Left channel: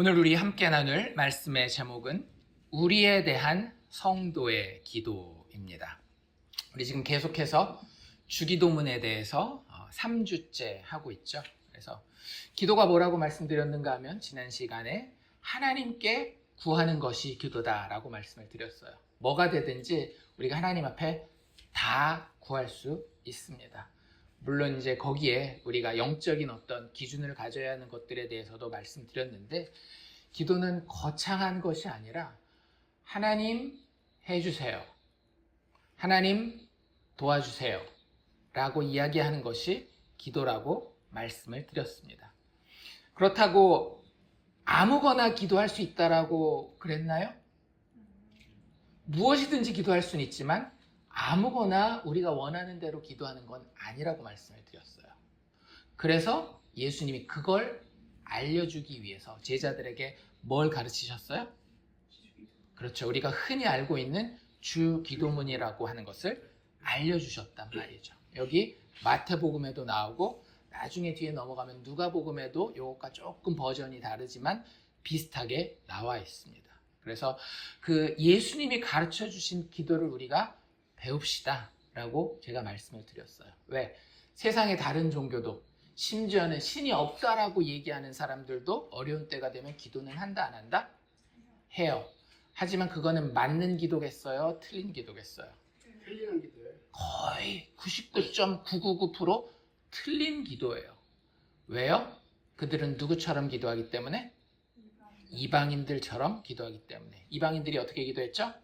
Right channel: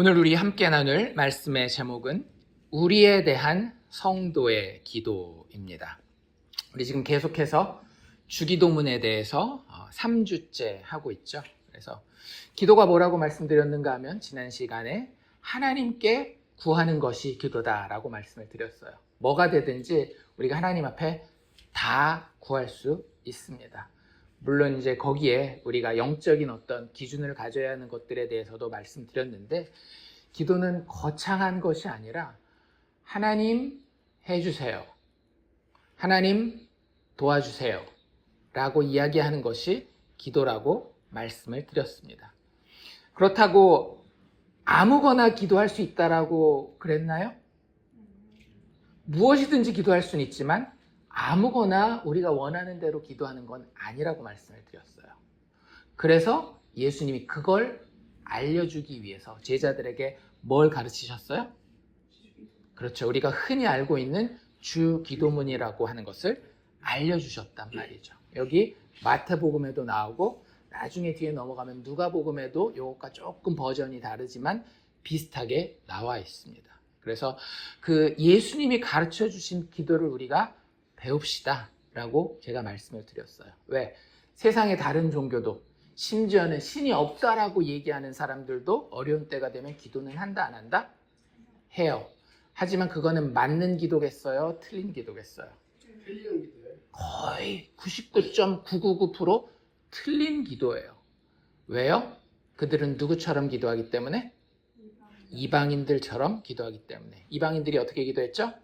오늘 우리 함께 나눌 말씀의 제목은 우리에 대한 성도의 기도입니다. 우리 지금 계속해서 주기도문에 대해서 3주째 하고 있죠. 그래서 기도가 뭐라고 말씀드렸는가 하면 지난 시간에 하나님께 구하는 것이 기도다라고 말씀을 드렸어요. 뭐가 되든지 우리가 하나님 앞에 다 구할 수 있습니다. 물론 이제 거기에 우리가 영적인 어떤 기준을 가져야 하는 것들에 대해서도 말씀드렸는데, 기도는 거창한 것이 아니라 하나님 해주세요, 하나님 도와주세요 라고 이야기하는 것이 기도라고 말씀을 드렸습니다. 그렇다고 아무거나 기도할 수 있다라고 그랬나요? 무엇이든지 기도할 수는 있지만 아무거나 우리가 원하는 대로 기도하는 건 아니라고 말씀을 드렸어요. 그래서 예수님이 그걸 알려주기 위해서 제자들에게 뭘 가르치셨어요? 그렇죠. 우리가 흔히 알고 있는 주기도문이라고 하는 것을 알려주셨단 말이죠. 여기 마태복음에도 나오고 나중에 뒤에 넘어가면 누가복음에도 이것과 조금 버전이 다르지만 비슷하게 나와 있습니다. 그래서 그 예수님이 가르쳐 주신 기도를 우리가 배웁시다 라고 제가 말씀을 드렸어요. 왜? 세상의 다른 종교도, 심지어는 신이 없다라고 얘기하는 사람들도 어려운 때가 되면 기도는 한다 안 한다? 해요. 하지만 그거는 맞는 기도겠어요? 틀린 기도겠어요? 틀리는 기도예요. 거의 99.999% 틀린 기도예요. 왜요? 그들은 누구처럼 기도하기 때문에? 이방인들처럼 기도하기 때문에. 이방인들이 어떻게 기도했죠?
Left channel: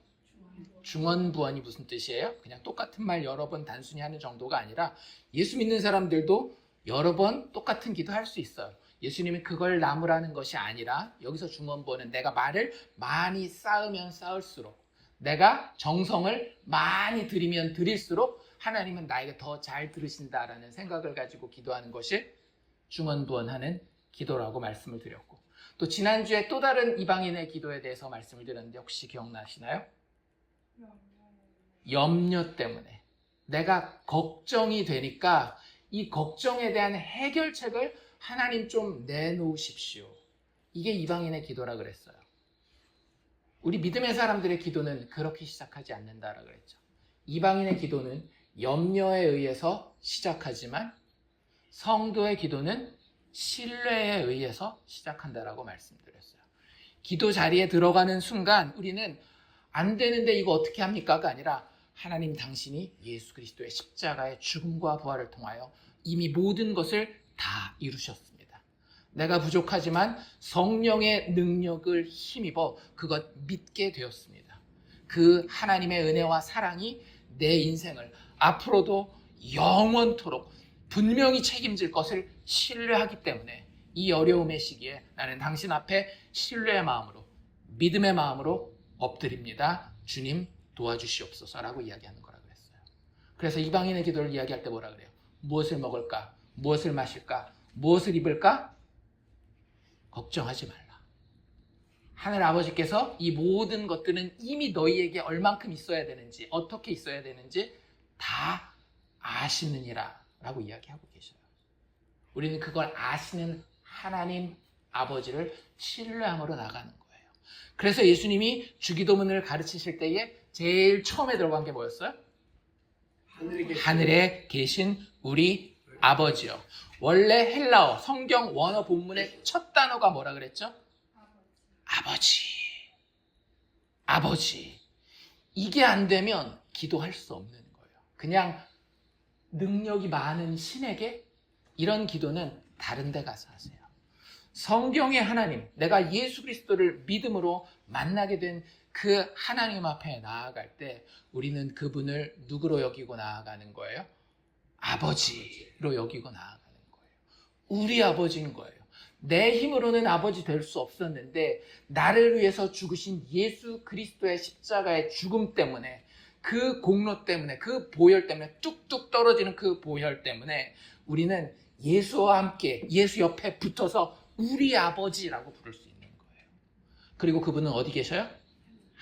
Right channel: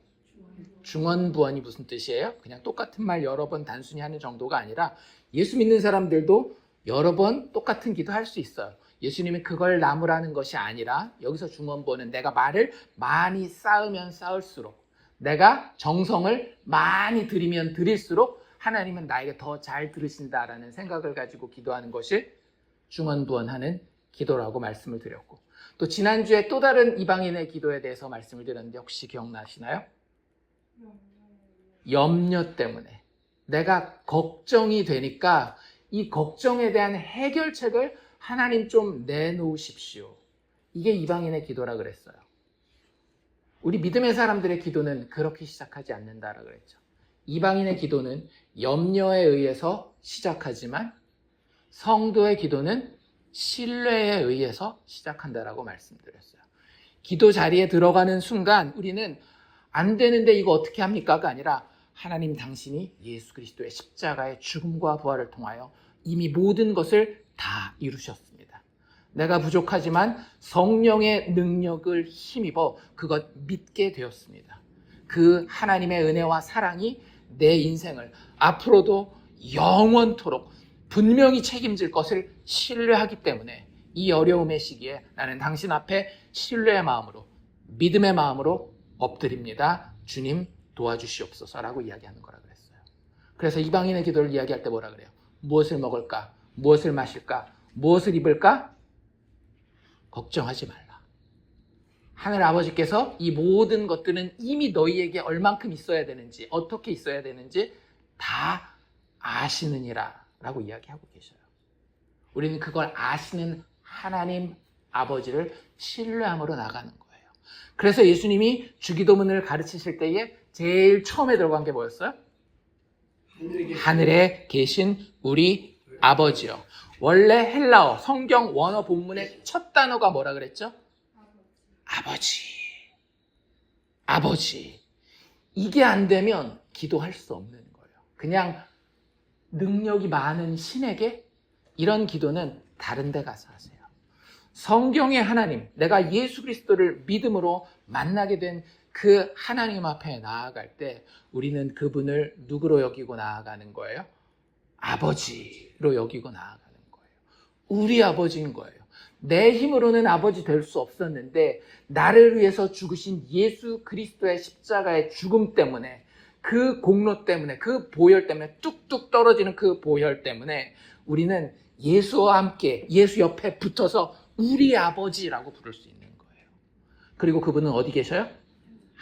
중언부언이 무슨 뜻이에요? 그냥 똑같은 말 여러 번 단순히 하는 정도가 아니라 예수 믿는 사람들도 여러 번 똑같은 기도할 수 있어요. 예수님이 그걸 나무라는 것이 아니라 여기서 중언부언은 내가 말을 많이 쌓으면 쌓을수록, 내가 정성을 많이 들이면 들일수록 하나님은 나에게 더 잘 들으신다라는 생각을 가지고 기도하는 것이 중언부언하는 기도라고 말씀을 드렸고, 또 지난주에 또 다른 이방인의 기도에 대해서 말씀을 드렸는데 혹시 기억나시나요? 염려 때문에 내가 걱정이 되니까 이 걱정에 대한 해결책을 하나님 좀 내놓으십시오. 이게 이방인의 기도라 그랬어요. 우리 믿음의 사람들의 기도는 그렇게 시작하지 않는다라 그랬죠. 이방인의 기도는 염려에 의해서 시작하지만 성도의 기도는 신뢰에 의해서 시작한다라고 말씀드렸어요. 기도 자리에 들어가는 순간 우리는 안 되는데 이거 어떻게 합니까가 아니라 하나님 당신이 예수 그리스도의 십자가의 죽음과 부활을 통하여 이미 모든 것을 다 이루셨습니다. 내가 부족하지만 성령의 능력을 힘입어 그것 믿게 되었습니다. 그 하나님의 은혜와 사랑이 내 인생을 앞으로도 영원토록 분명히 책임질 것을 신뢰하기 때문에 이 어려움의 시기에 나는 당신 앞에 신뢰의 마음으로, 믿음의 마음으로 엎드립니다. 주님 도와주시옵소서라고 이야기하는 거라 그랬어요. 그래서 이방인의 기도를 이야기할 때 뭐라 그래요? 무엇을 먹을까? 무엇을 마실까? 무엇을 입을까? 걱정하지 말라. 하늘 아버지께서 이 모든 것들은 이미 너희에게 얼만큼 있어야 되는지, 어떻게 있어야 되는지 다 아시느니라 라고 이야기하고 계셔요. 우리는 그걸 아시는 하나님 아버지를 신뢰함으로 나가는 거예요. 그래서 예수님이 주기도문을 가르치실 때에 제일 처음에 들어간 게 뭐였어요? 하늘에 계신 우리 아버지요. 원래 헬라어 성경 원어 본문의 첫 단어가 뭐라 그랬죠? 아버지. 아버지. 이게 안 되면 기도할 수 없는 거예요. 그냥 능력이 많은 신에게 이런 기도는 다른 데 가서 하세요. 성경의 하나님, 내가 예수 그리스도를 믿음으로 만나게 된 그 하나님 앞에 나아갈 때 우리는 그분을 누구로 여기고 나아가는 거예요? 아버지로 여기고 나아가는 거예요. 우리 아버지인 거예요. 내 힘으로는 아버지 될 수 없었는데 나를 위해서 죽으신 예수 그리스도의 십자가의 죽음 때문에, 그 공로 때문에, 그 보혈 때문에, 뚝뚝 떨어지는 그 보혈 때문에 우리는 예수와 함께 예수 옆에 붙어서 우리 아버지라고 부를 수 있는 거예요. 그리고 그분은 어디 계셔요?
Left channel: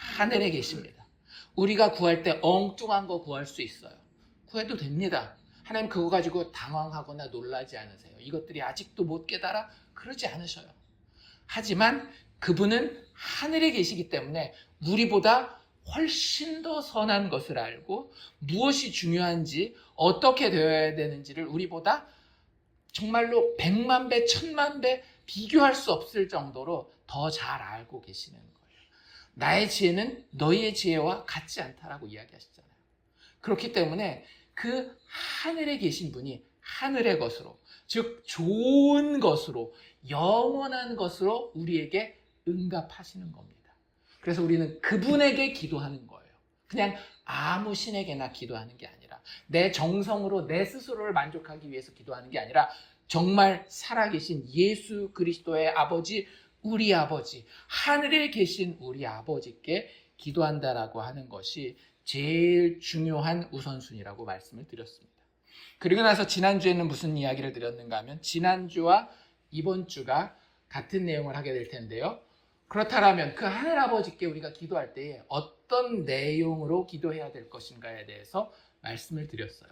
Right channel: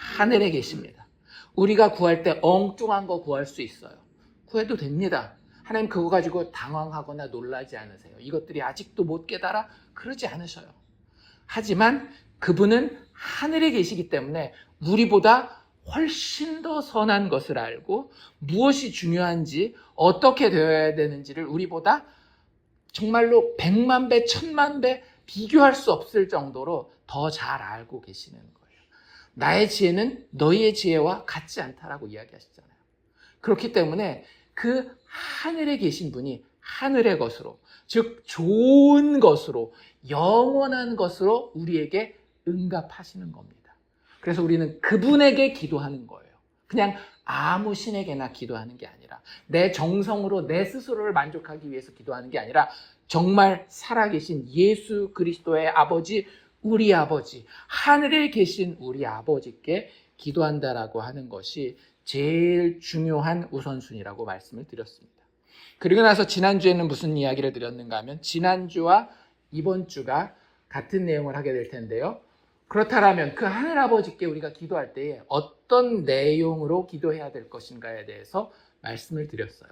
하늘에 계십니다. 우리가 구할 때 엉뚱한 거 구할 수 있어요. 구해도 됩니다. 하나님 그거 가지고 당황하거나 놀라지 않으세요. 이것들이 아직도 못 깨달아? 그러지 않으셔요. 하지만 그분은 하늘에 계시기 때문에 우리보다 훨씬 더 선한 것을 알고 무엇이 중요한지 어떻게 되어야 되는지를 우리보다 정말로 100만 배, 1000만 배 비교할 수 없을 정도로 더 잘 알고 계시는 거예요. 나의 지혜는 너희의 지혜와 같지 않다라고 이야기하시잖아요. 그렇기 때문에 그 하늘에 계신 분이 하늘의 것으로, 즉 좋은 것으로, 영원한 것으로 우리에게 응답하시는 겁니다. 그래서 우리는 그분에게 기도하는 거예요. 그냥 아무 신에게나 기도하는 게 아니라 내 정성으로 내 스스로를 만족하기 위해서 기도하는 게 아니라 정말 살아계신 예수 그리스도의 아버지, 우리 아버지, 하늘에 계신 우리 아버지께 기도한다라고 하는 것이 제일 중요한 우선순위라고 말씀을 드렸습니다. 그리고 나서 지난주에는 무슨 이야기를 드렸는가 하면 지난주와 이번 주가 같은 내용을 하게 될 텐데요. 그렇다면 그 하늘아버지께 우리가 기도할 때에 어떤 내용으로 기도해야 될 것인가에 대해서 말씀을 드렸어요.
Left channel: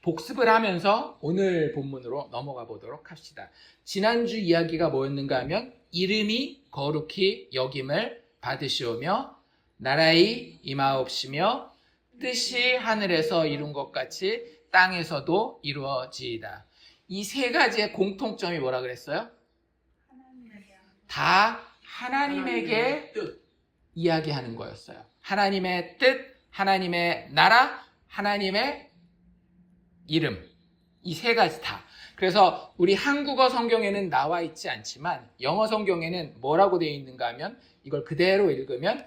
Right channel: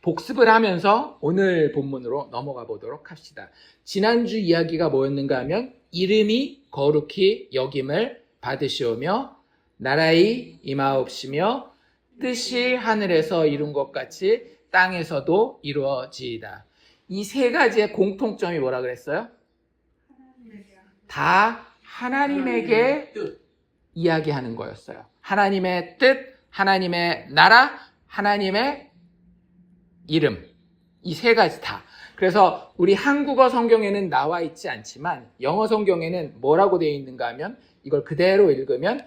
복습을 하면서 오늘 본문으로 넘어가 보도록 합시다. 지난주 이야기가 뭐였는가 하면 이름이 거룩히 여김을 받으시오며 나라의 임하옵시며 뜻이 하늘에서 이룬 것 같이 땅에서도 이루어지이다. 이 세 가지의 공통점이 뭐라 그랬어요? 다 하나님에게 이야기하는 거였어요. 하나님의 뜻, 하나님의 나라, 하나님의 이름. 이 세 가지 다. 그래서 우리 한국어 성경에는 나와 있지 않지만 영어 성경에는 뭐라고 되어 있는가 하면 이걸 그대로 읽으면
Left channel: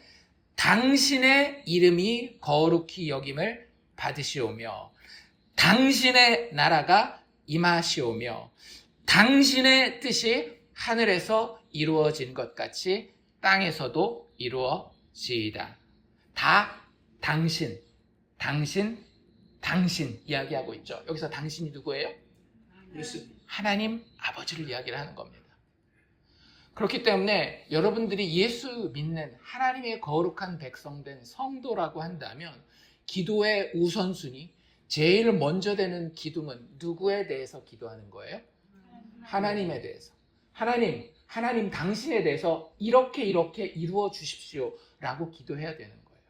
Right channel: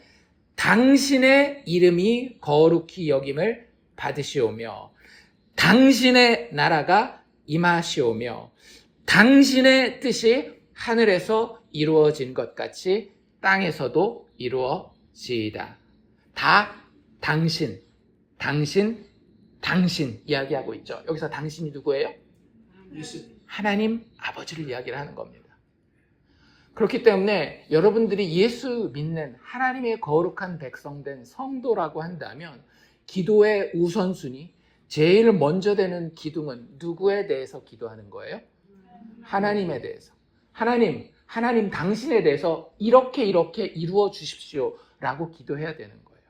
당신의 이름이 거룩히 여김을 받으시오며 당신의 나라가 임하시오며 당신의 뜻이 하늘에서 이루어진 것 같이 땅에서도 이루어지이다. 다 당신 이야기하고 있죠. 여기서 당신이 누구예요? 하나님 아버지를 이야기를 하는 겁니다. 그렇기 때문에 여러분들이 예수 믿는 하나님의 거룩한 백성된 성도라고 한다면 기도의 우선순위, 제일 먼저 되는 기둥은 누구에 대해서 기도하는 거예요? 하나님에 대해서. 하나님 당신에 대해서 이렇게 이루어 주십시오 라고 기도해야 되는 거예요.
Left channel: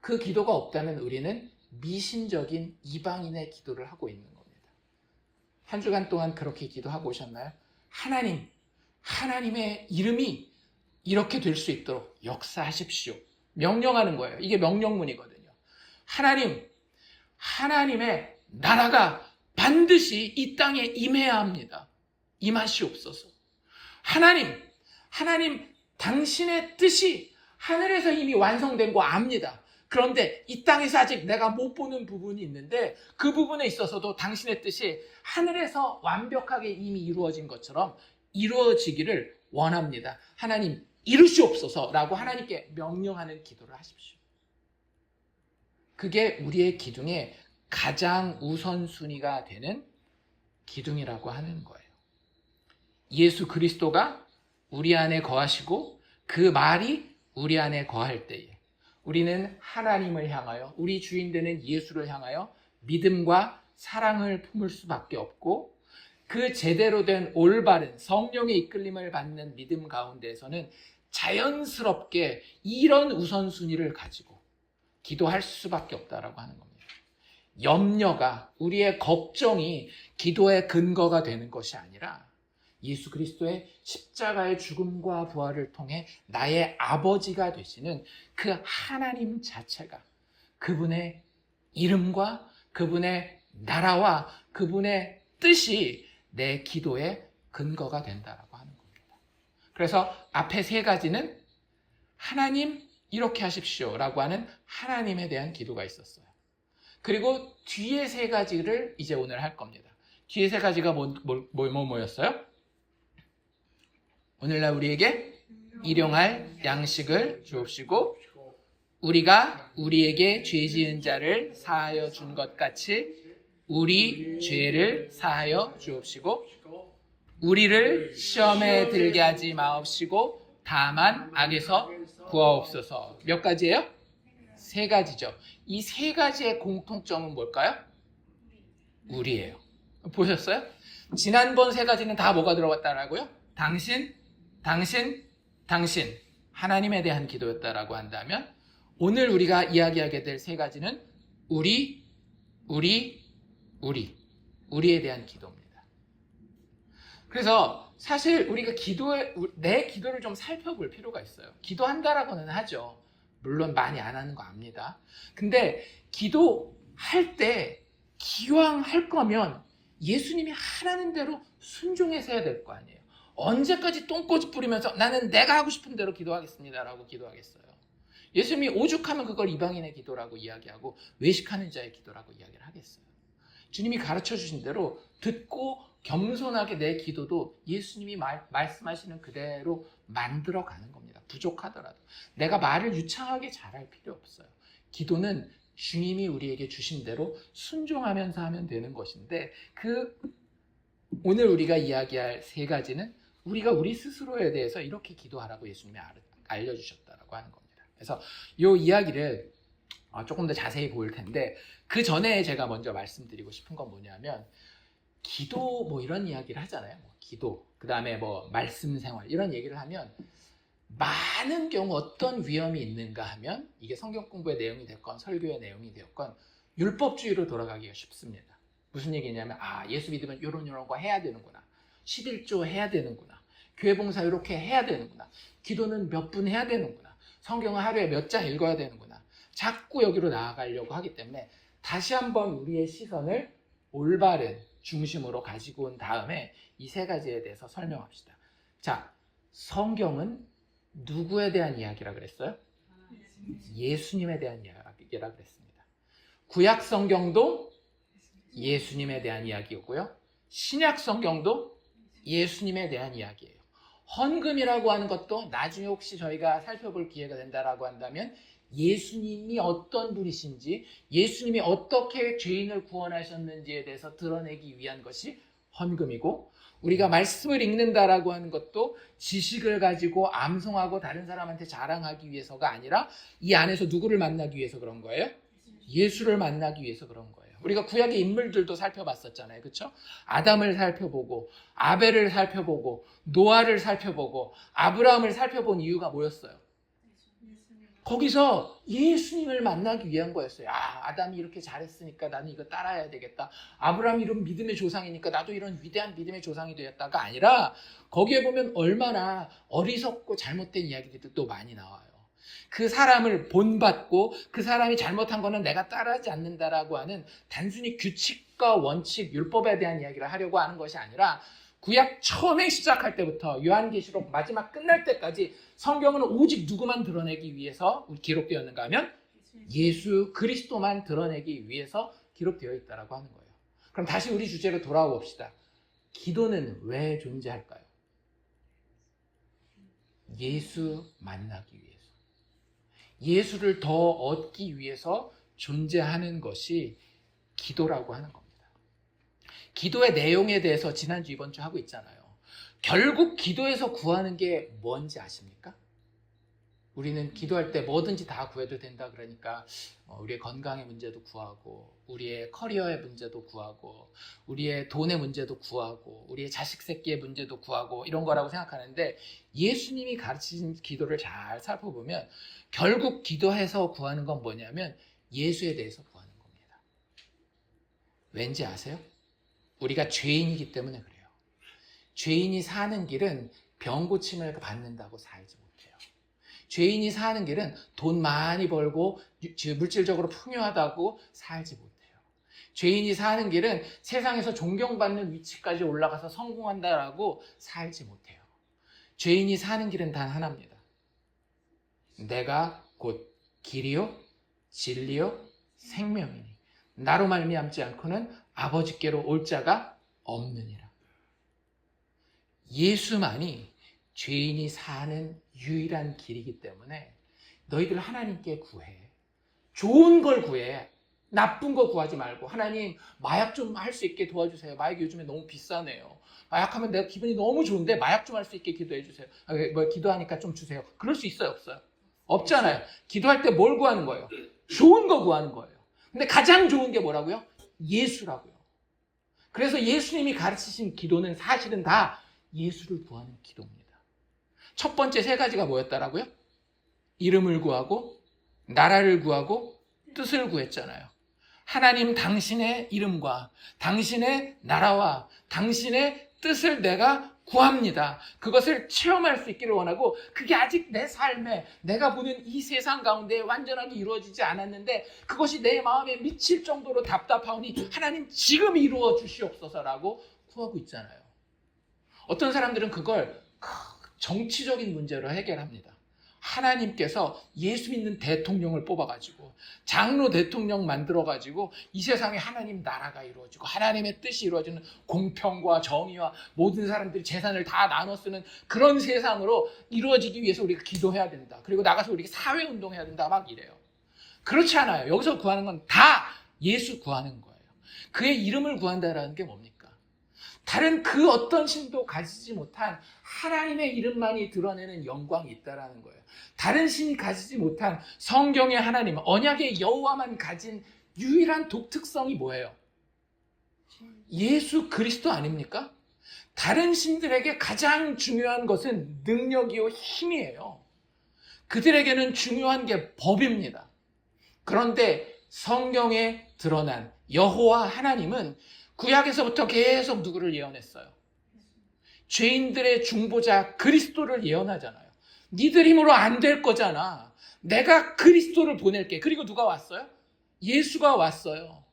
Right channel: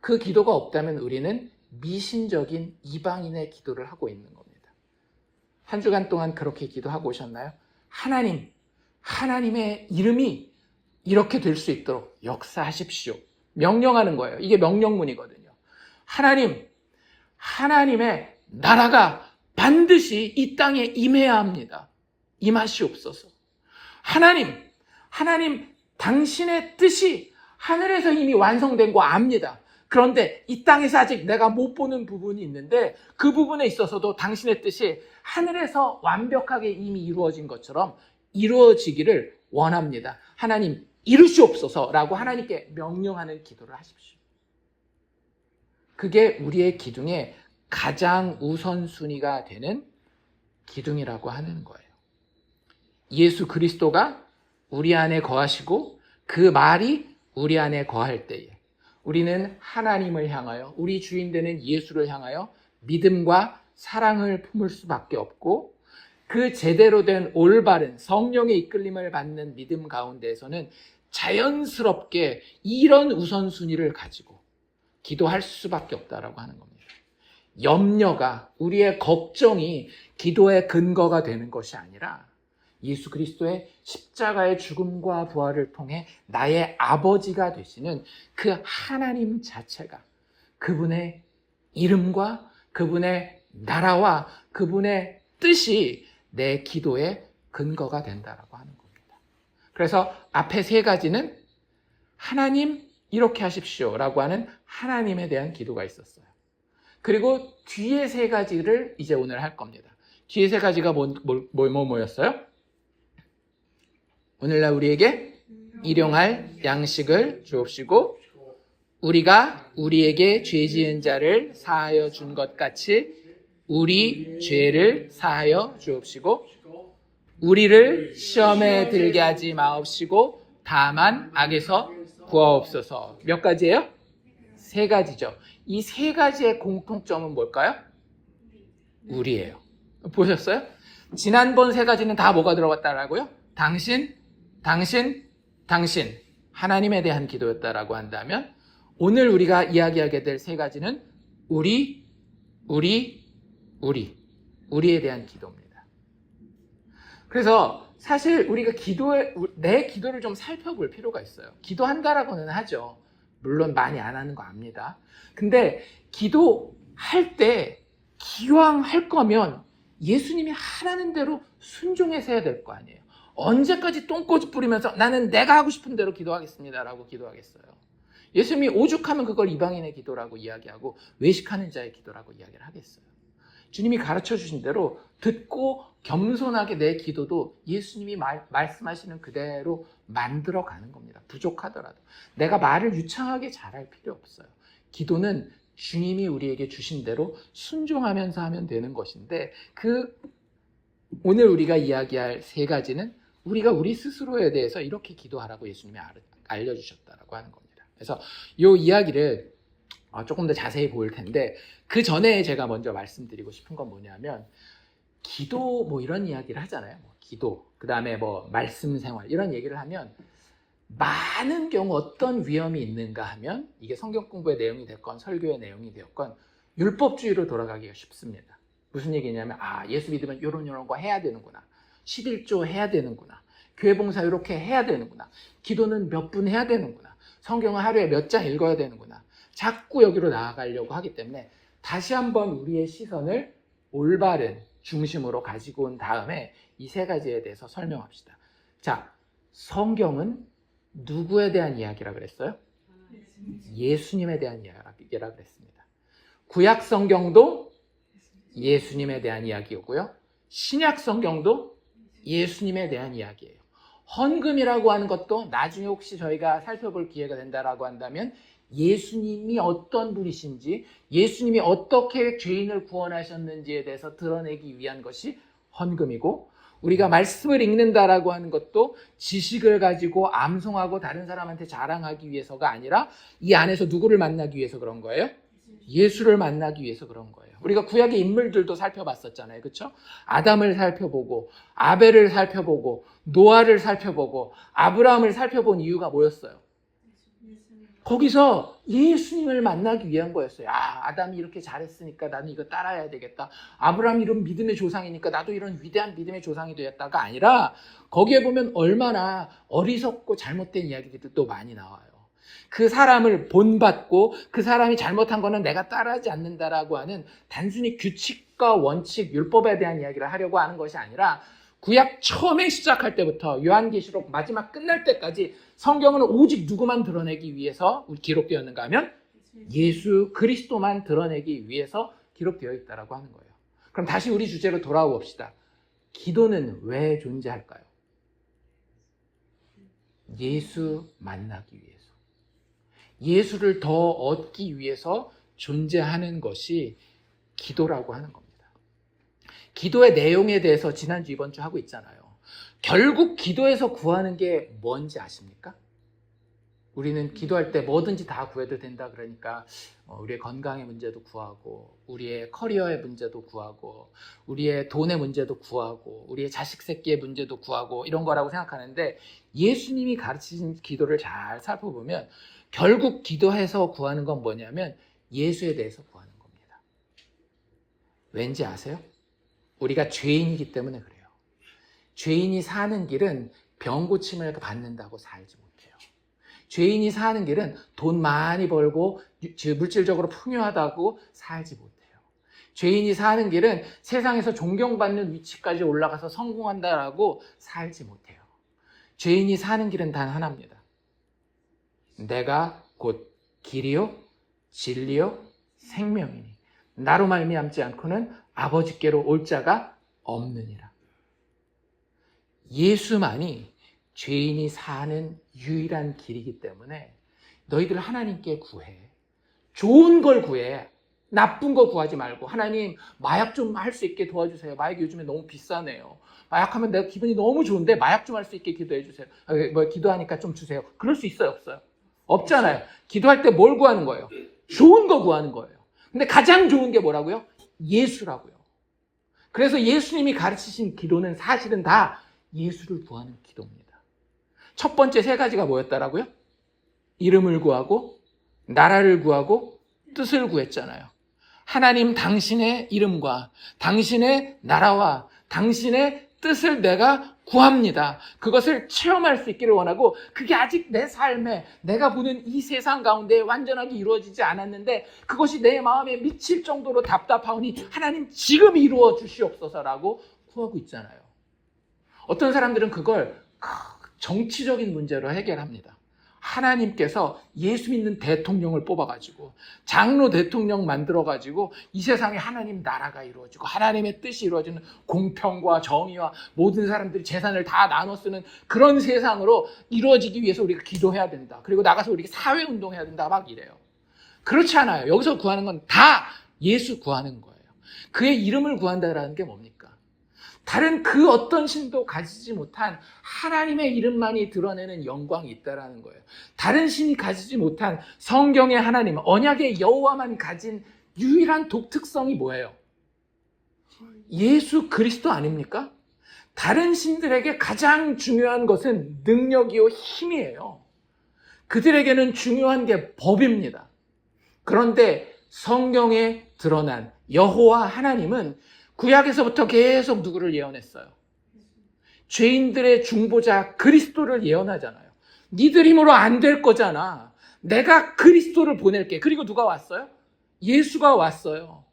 그 기도가 없다면 우리는 미신적인 이방인의 기도를 하고 있는 겁니다. 한 주간 동안 그렇게 기도하고 오셨나요? 하나님의 이름이 이렇게 될 수 있도록 역사하십시오. 명령하는 거예요. 이게 명령문이거든요. 하나님의 나라가 반드시 이 땅에 임해야 합니다. 임하시옵소서. 하나님 당신의 뜻이 하늘에서 이미 완성된 거 압니다. 그런데 이 땅에서 아직 내가 못 보는 부분이 있는데 그 부분에 있어서도 당신의 뜻이 하늘에서 완벽하게 이미 이루어진 것처럼 이루어지기를 원합니다. 하나님 이루시옵소서라고 하나님께 명령하는 기도를 하십시오. 그게 우리의 기둥의 가장 우선순위가 되는 기둥이라고 하는 거예요. 예수 그리스도가 우리 안에 거하시고 그 말이 우리 안에 거할 때에 우리는 하나님을 향하여 우리 주인 되는 예수를 향하여 믿음과 사랑을 품을 수밖에 없고 그 제대로 된 올바른 성령의 이끌림을 받는 믿음 가운데에서는 자연스럽게 이런 우선순위를 가지고 기도할 수밖에 없다라고 하는 겁니다. 염려가 우리의 걱정이 기도의 근거가 되는 것이 아니라 예수 그리스도의 십자가의 죽음과 부활을 통해 나의 아버지가 되시는 그 하나님 자체가 그분의 이름과 그분의 나라와 그분의 뜻이 내 기도의 근거가 된다라고 하는 겁니다. 그래서 앞에 세 가지는 하나님 이렇게 하십시오라고 하는 하나님에 대한 기도가 있었어요. 그리고 뒤에 세 가지를 이제 오늘 할 겁니다. 뒤에 세 가지가 뭐였어요? 오늘날 우리에게 일용할 양식을 주옵시고 우리가 우리에게 죄 지은 자를 사하여 준 것 같이 우리 죄를 사하여 주옵시고 우리를 시험에 들게 하지 마옵시고 다만 악에서 구하옵소서. 몇 가지예요? 세 가지죠. 이 세 가지의 공통점은 뭘까요? 우리예요. 보셨어요? 지난번 세 가지는 다 뭐가 들어갔다라고요? 당신, 당신, 하나님에 대한 기도였다라고 한다면 오늘 우리가 이야기하게 될 세 가지는 우리에 대한 기도입니다. 그래서 사실 우리가 내 기도를 좀 살펴볼 필요가 있어요. 기도한다라고는 하죠. 물론 많이 안 하는 거 압니다. 근데 기도할 때 기왕 할 거면 예수님이 하라는 대로 순종해서 해야 될 거 아니에요. 언제까지 똥꼬집 부리면서 나는 내가 하고 싶은 대로 기도하겠습니다라고 기도하겠어요. 예수님이 오죽하면 그걸 이방인의 기도라고 이야기하고 외식하는 자의 기도라고 이야기를 하겠어요. 주님이 가르쳐 주신 대로 듣고 겸손하게 내 기도도 예수님이 말씀하시는 그대로 만들어가는 겁니다. 부족하더라도. 내가 말을 유창하게 잘할 필요 없어요. 기도는 주님이 우리에게 주신 대로 순종하면서 하면 되는 것인데 오늘 우리가 이야기할 세 가지는 우리가 우리 스스로에 대해서 이렇게 기도하라고 예수님이 알려주셨다라고 하는 겁니다. 그래서 이 이야기를 조금 더 자세히 볼 텐데 그 전에 제가 먼저 말씀드리고 싶은 건 뭐냐면 기도 이런 이야기를 하잖아요. 기도, 그 다음에 말씀 생활 이런 얘기를 하면 많은 경우 어떤 위험이 있는가 하면 이게 성경 공부의 내용이 됐건 설교의 내용이 되었건 율법주의로 돌아가기가 쉽습니다. 무슨 얘기냐면 예수 믿으면 이런 거 해야 되는구나. 11조 해야 되는구나. 교회 봉사 이렇게 해야 되는구나. 기도는 몇 분 해야 되는구나. 성경은 하루에 몇 장 읽어야 되는구나. 자꾸 여기로 나아가려고 하기 때문에 다시 한번 우리의 시선을 올바른 중심으로 가지고 온 다음에 이 세 가지에 대해서 설명합시다. 자, 성경은 누구에 대한 이야기라 그랬어요? 예수님에 대한 이야기라 그랬습니다. 구약 성경도 예수님에 대한 이야기고요. 신약 성경도 예수님에 대한 이야기예요. 헌금이라고 하는 것도 나중에 혹시 저희가 살펴볼 기회가 된다라고 한다면 예수님이 어떤 분이신지, 예수님이 어떻게 죄인을 구원하셨는지에 대해서 드러내기 위한 것이 헌금이고, 우리가 말씀을 읽는다라고 하는 것도 지식을 가지고 암송하고 다른 사람한테 자랑하기 위해서가 아니라 이 안에서 누구를 만나기 위해서 그런 거예요? 예수를 만나기 위해서 그런 거예요. 우리가 구약의 인물들도 살펴봤었잖아요. 그렇죠? 아담을 살펴보고 아벨을 살펴보고 노아를 살펴보고 아브라함을 살펴본 이유가 뭐였어요? 거기서 예수님을 만나기 위한 거였어요. 아담이 이렇게 잘했으니까 나는 이거 따라야 되겠다. 아브라함이 이런 믿음의 조상이니까 나도 이런 위대한 믿음의 조상이 되었다가 아니라 거기에 보면 얼마나 어리석고 잘못된 이야기들도 많이 나와요. 그 사람을 본받고 그 사람이 잘못한 거는 내가 따라하지 않는다라고 하는 단순히 규칙과 원칙, 율법에 대한 이야기를 하려고 하는 것이 아니라 구약 처음에 시작할 때부터 요한계시록 마지막 끝날 때까지 성경은 오직 누구만 드러내기 위해서 기록되었는가 하면 예수 그리스도만 드러내기 위해서 기록되어 있다라고 하는 거예요. 그럼 다시 우리 주제로 돌아와 봅시다. 기도는 왜 존재할까요? 예수 만나기 위해서. 예수를 더 얻기 위해서 존재하는 것이 기도라고 하는 겁니다. 기도의 내용에 대해서 지난주 이번주 하고 있잖아요. 결국 기도에서 구하는 게 뭔지 아십니까? 우리는 기도할 때 뭐든지 다 구해도 된다 그러니까 우리의 건강의 문제도 구하고 우리의 커리어의 문제도 구하고 우리의 돈의 문제도 구하고 우리의 자식 새끼의 문제도 구하고 이런 거라고 생각하는데 예수님이 가르치신 기도를 잘 살펴보면 결국 기도해서 구하는 건 뭐냐면 예수에 대해서 구하는 겁니다. 왠지 아세요? 우리가 죄인이기 때문에 그래요. 죄인이 사는 길은 병 고침을 받는다고 살지 못해요. 죄인이 사는 길은 돈 많이 벌고 물질적으로 풍요하다고 살지 못해요. 죄인이 사는 길은 세상에서 존경받는 위치까지 올라가서 성공한다라고 살지 못해요. 죄인이 사는 길은 단 하나입니다. 내가 곧 길이요 진리요 생명이니 나로 말미암지 않고는 아버지께로 올 자가 없느니라. 예수만이 죄인이 사는 유일한 길이기 때문에 너희들 하나님께 구해. 좋은 걸 구해. 나쁜 거 구하지 말고 하나님 마약 좀 할 수 있게 도와주세요. 마약이 요즘에 너무 비싸네요. 마약하면 내가 기분이 너무 좋은데 마약 좀 할 수 있게 기도해 주세요. 기도하니까 좀 주세요. 그럴 수 있어요? 없어요? 없잖아요. 기도할 때 뭘 구하는 거예요? 좋은 거 구하는 거예요. 근데 가장 좋은 게 뭐라고요? 예수라고요. 그래서 예수님이 가르치신 기도는 사실은 다 예수를 구하는 기도입니다. 첫 번째 세 가지가 뭐였더라고요? 이름을 구하고 나라를 구하고 뜻을 구했잖아요. 하나님 당신의 이름과 당신의 나라와 당신의 뜻을 내가 구합니다. 그것을 체험할 수 있기를 원하고 그게 아직 내 삶에 내가 보는 이 세상 가운데 완전하게 이루어지지 않았는데 그것이 내 마음에 미칠 정도로 답답하오니 하나님 지금 이루어 주시옵소서라고 구하고 있잖아요. 어떤 사람들은 그걸 정치적인 문제로 해결합니다. 하나님께서 예수 믿는 대통령을 뽑아가지고 장로 대통령 만들어가지고 이 세상에 하나님 나라가 이루어지고 하나님의 뜻이 이루어지는 공평과 정의와 모든 사람들이 재산을 다 나눠 쓰는 그런 세상으로 이루어지기 위해서 우리가 기도해야 된다. 그리고 나가서 우리가 사회운동해야 된다 막 이래요. 그렇지 않아요. 여기서 구하는 건 다 예수 구하는 거예요. 그의 이름을 구한다라는 게 뭡니까? 다른 그 어떤 신도 가지지 못한 하나님의 이름만이 드러내는 영광이 있다라는 거예요. 다른 신이 가지지 못한 성경의 하나님, 언약의 여호와만 가진 유일한 독특성이 뭐예요? 예수 그리스도 아닙니까? 다른 신들에게 가장 중요한 것은 능력이요 힘이에요. 그들에게는 중요한 게 법입니다. 그런데 성경에 드러난 여호와 하나님은 구약에서부터 계속 누구를 예언했어요? 죄인들의 중보자 그리스도를 예언하잖아요. 니들 힘으로 안 될 거잖아. 내가 그리스도를 보낼게. 그리고 누가 왔어요? 예수가 왔어요.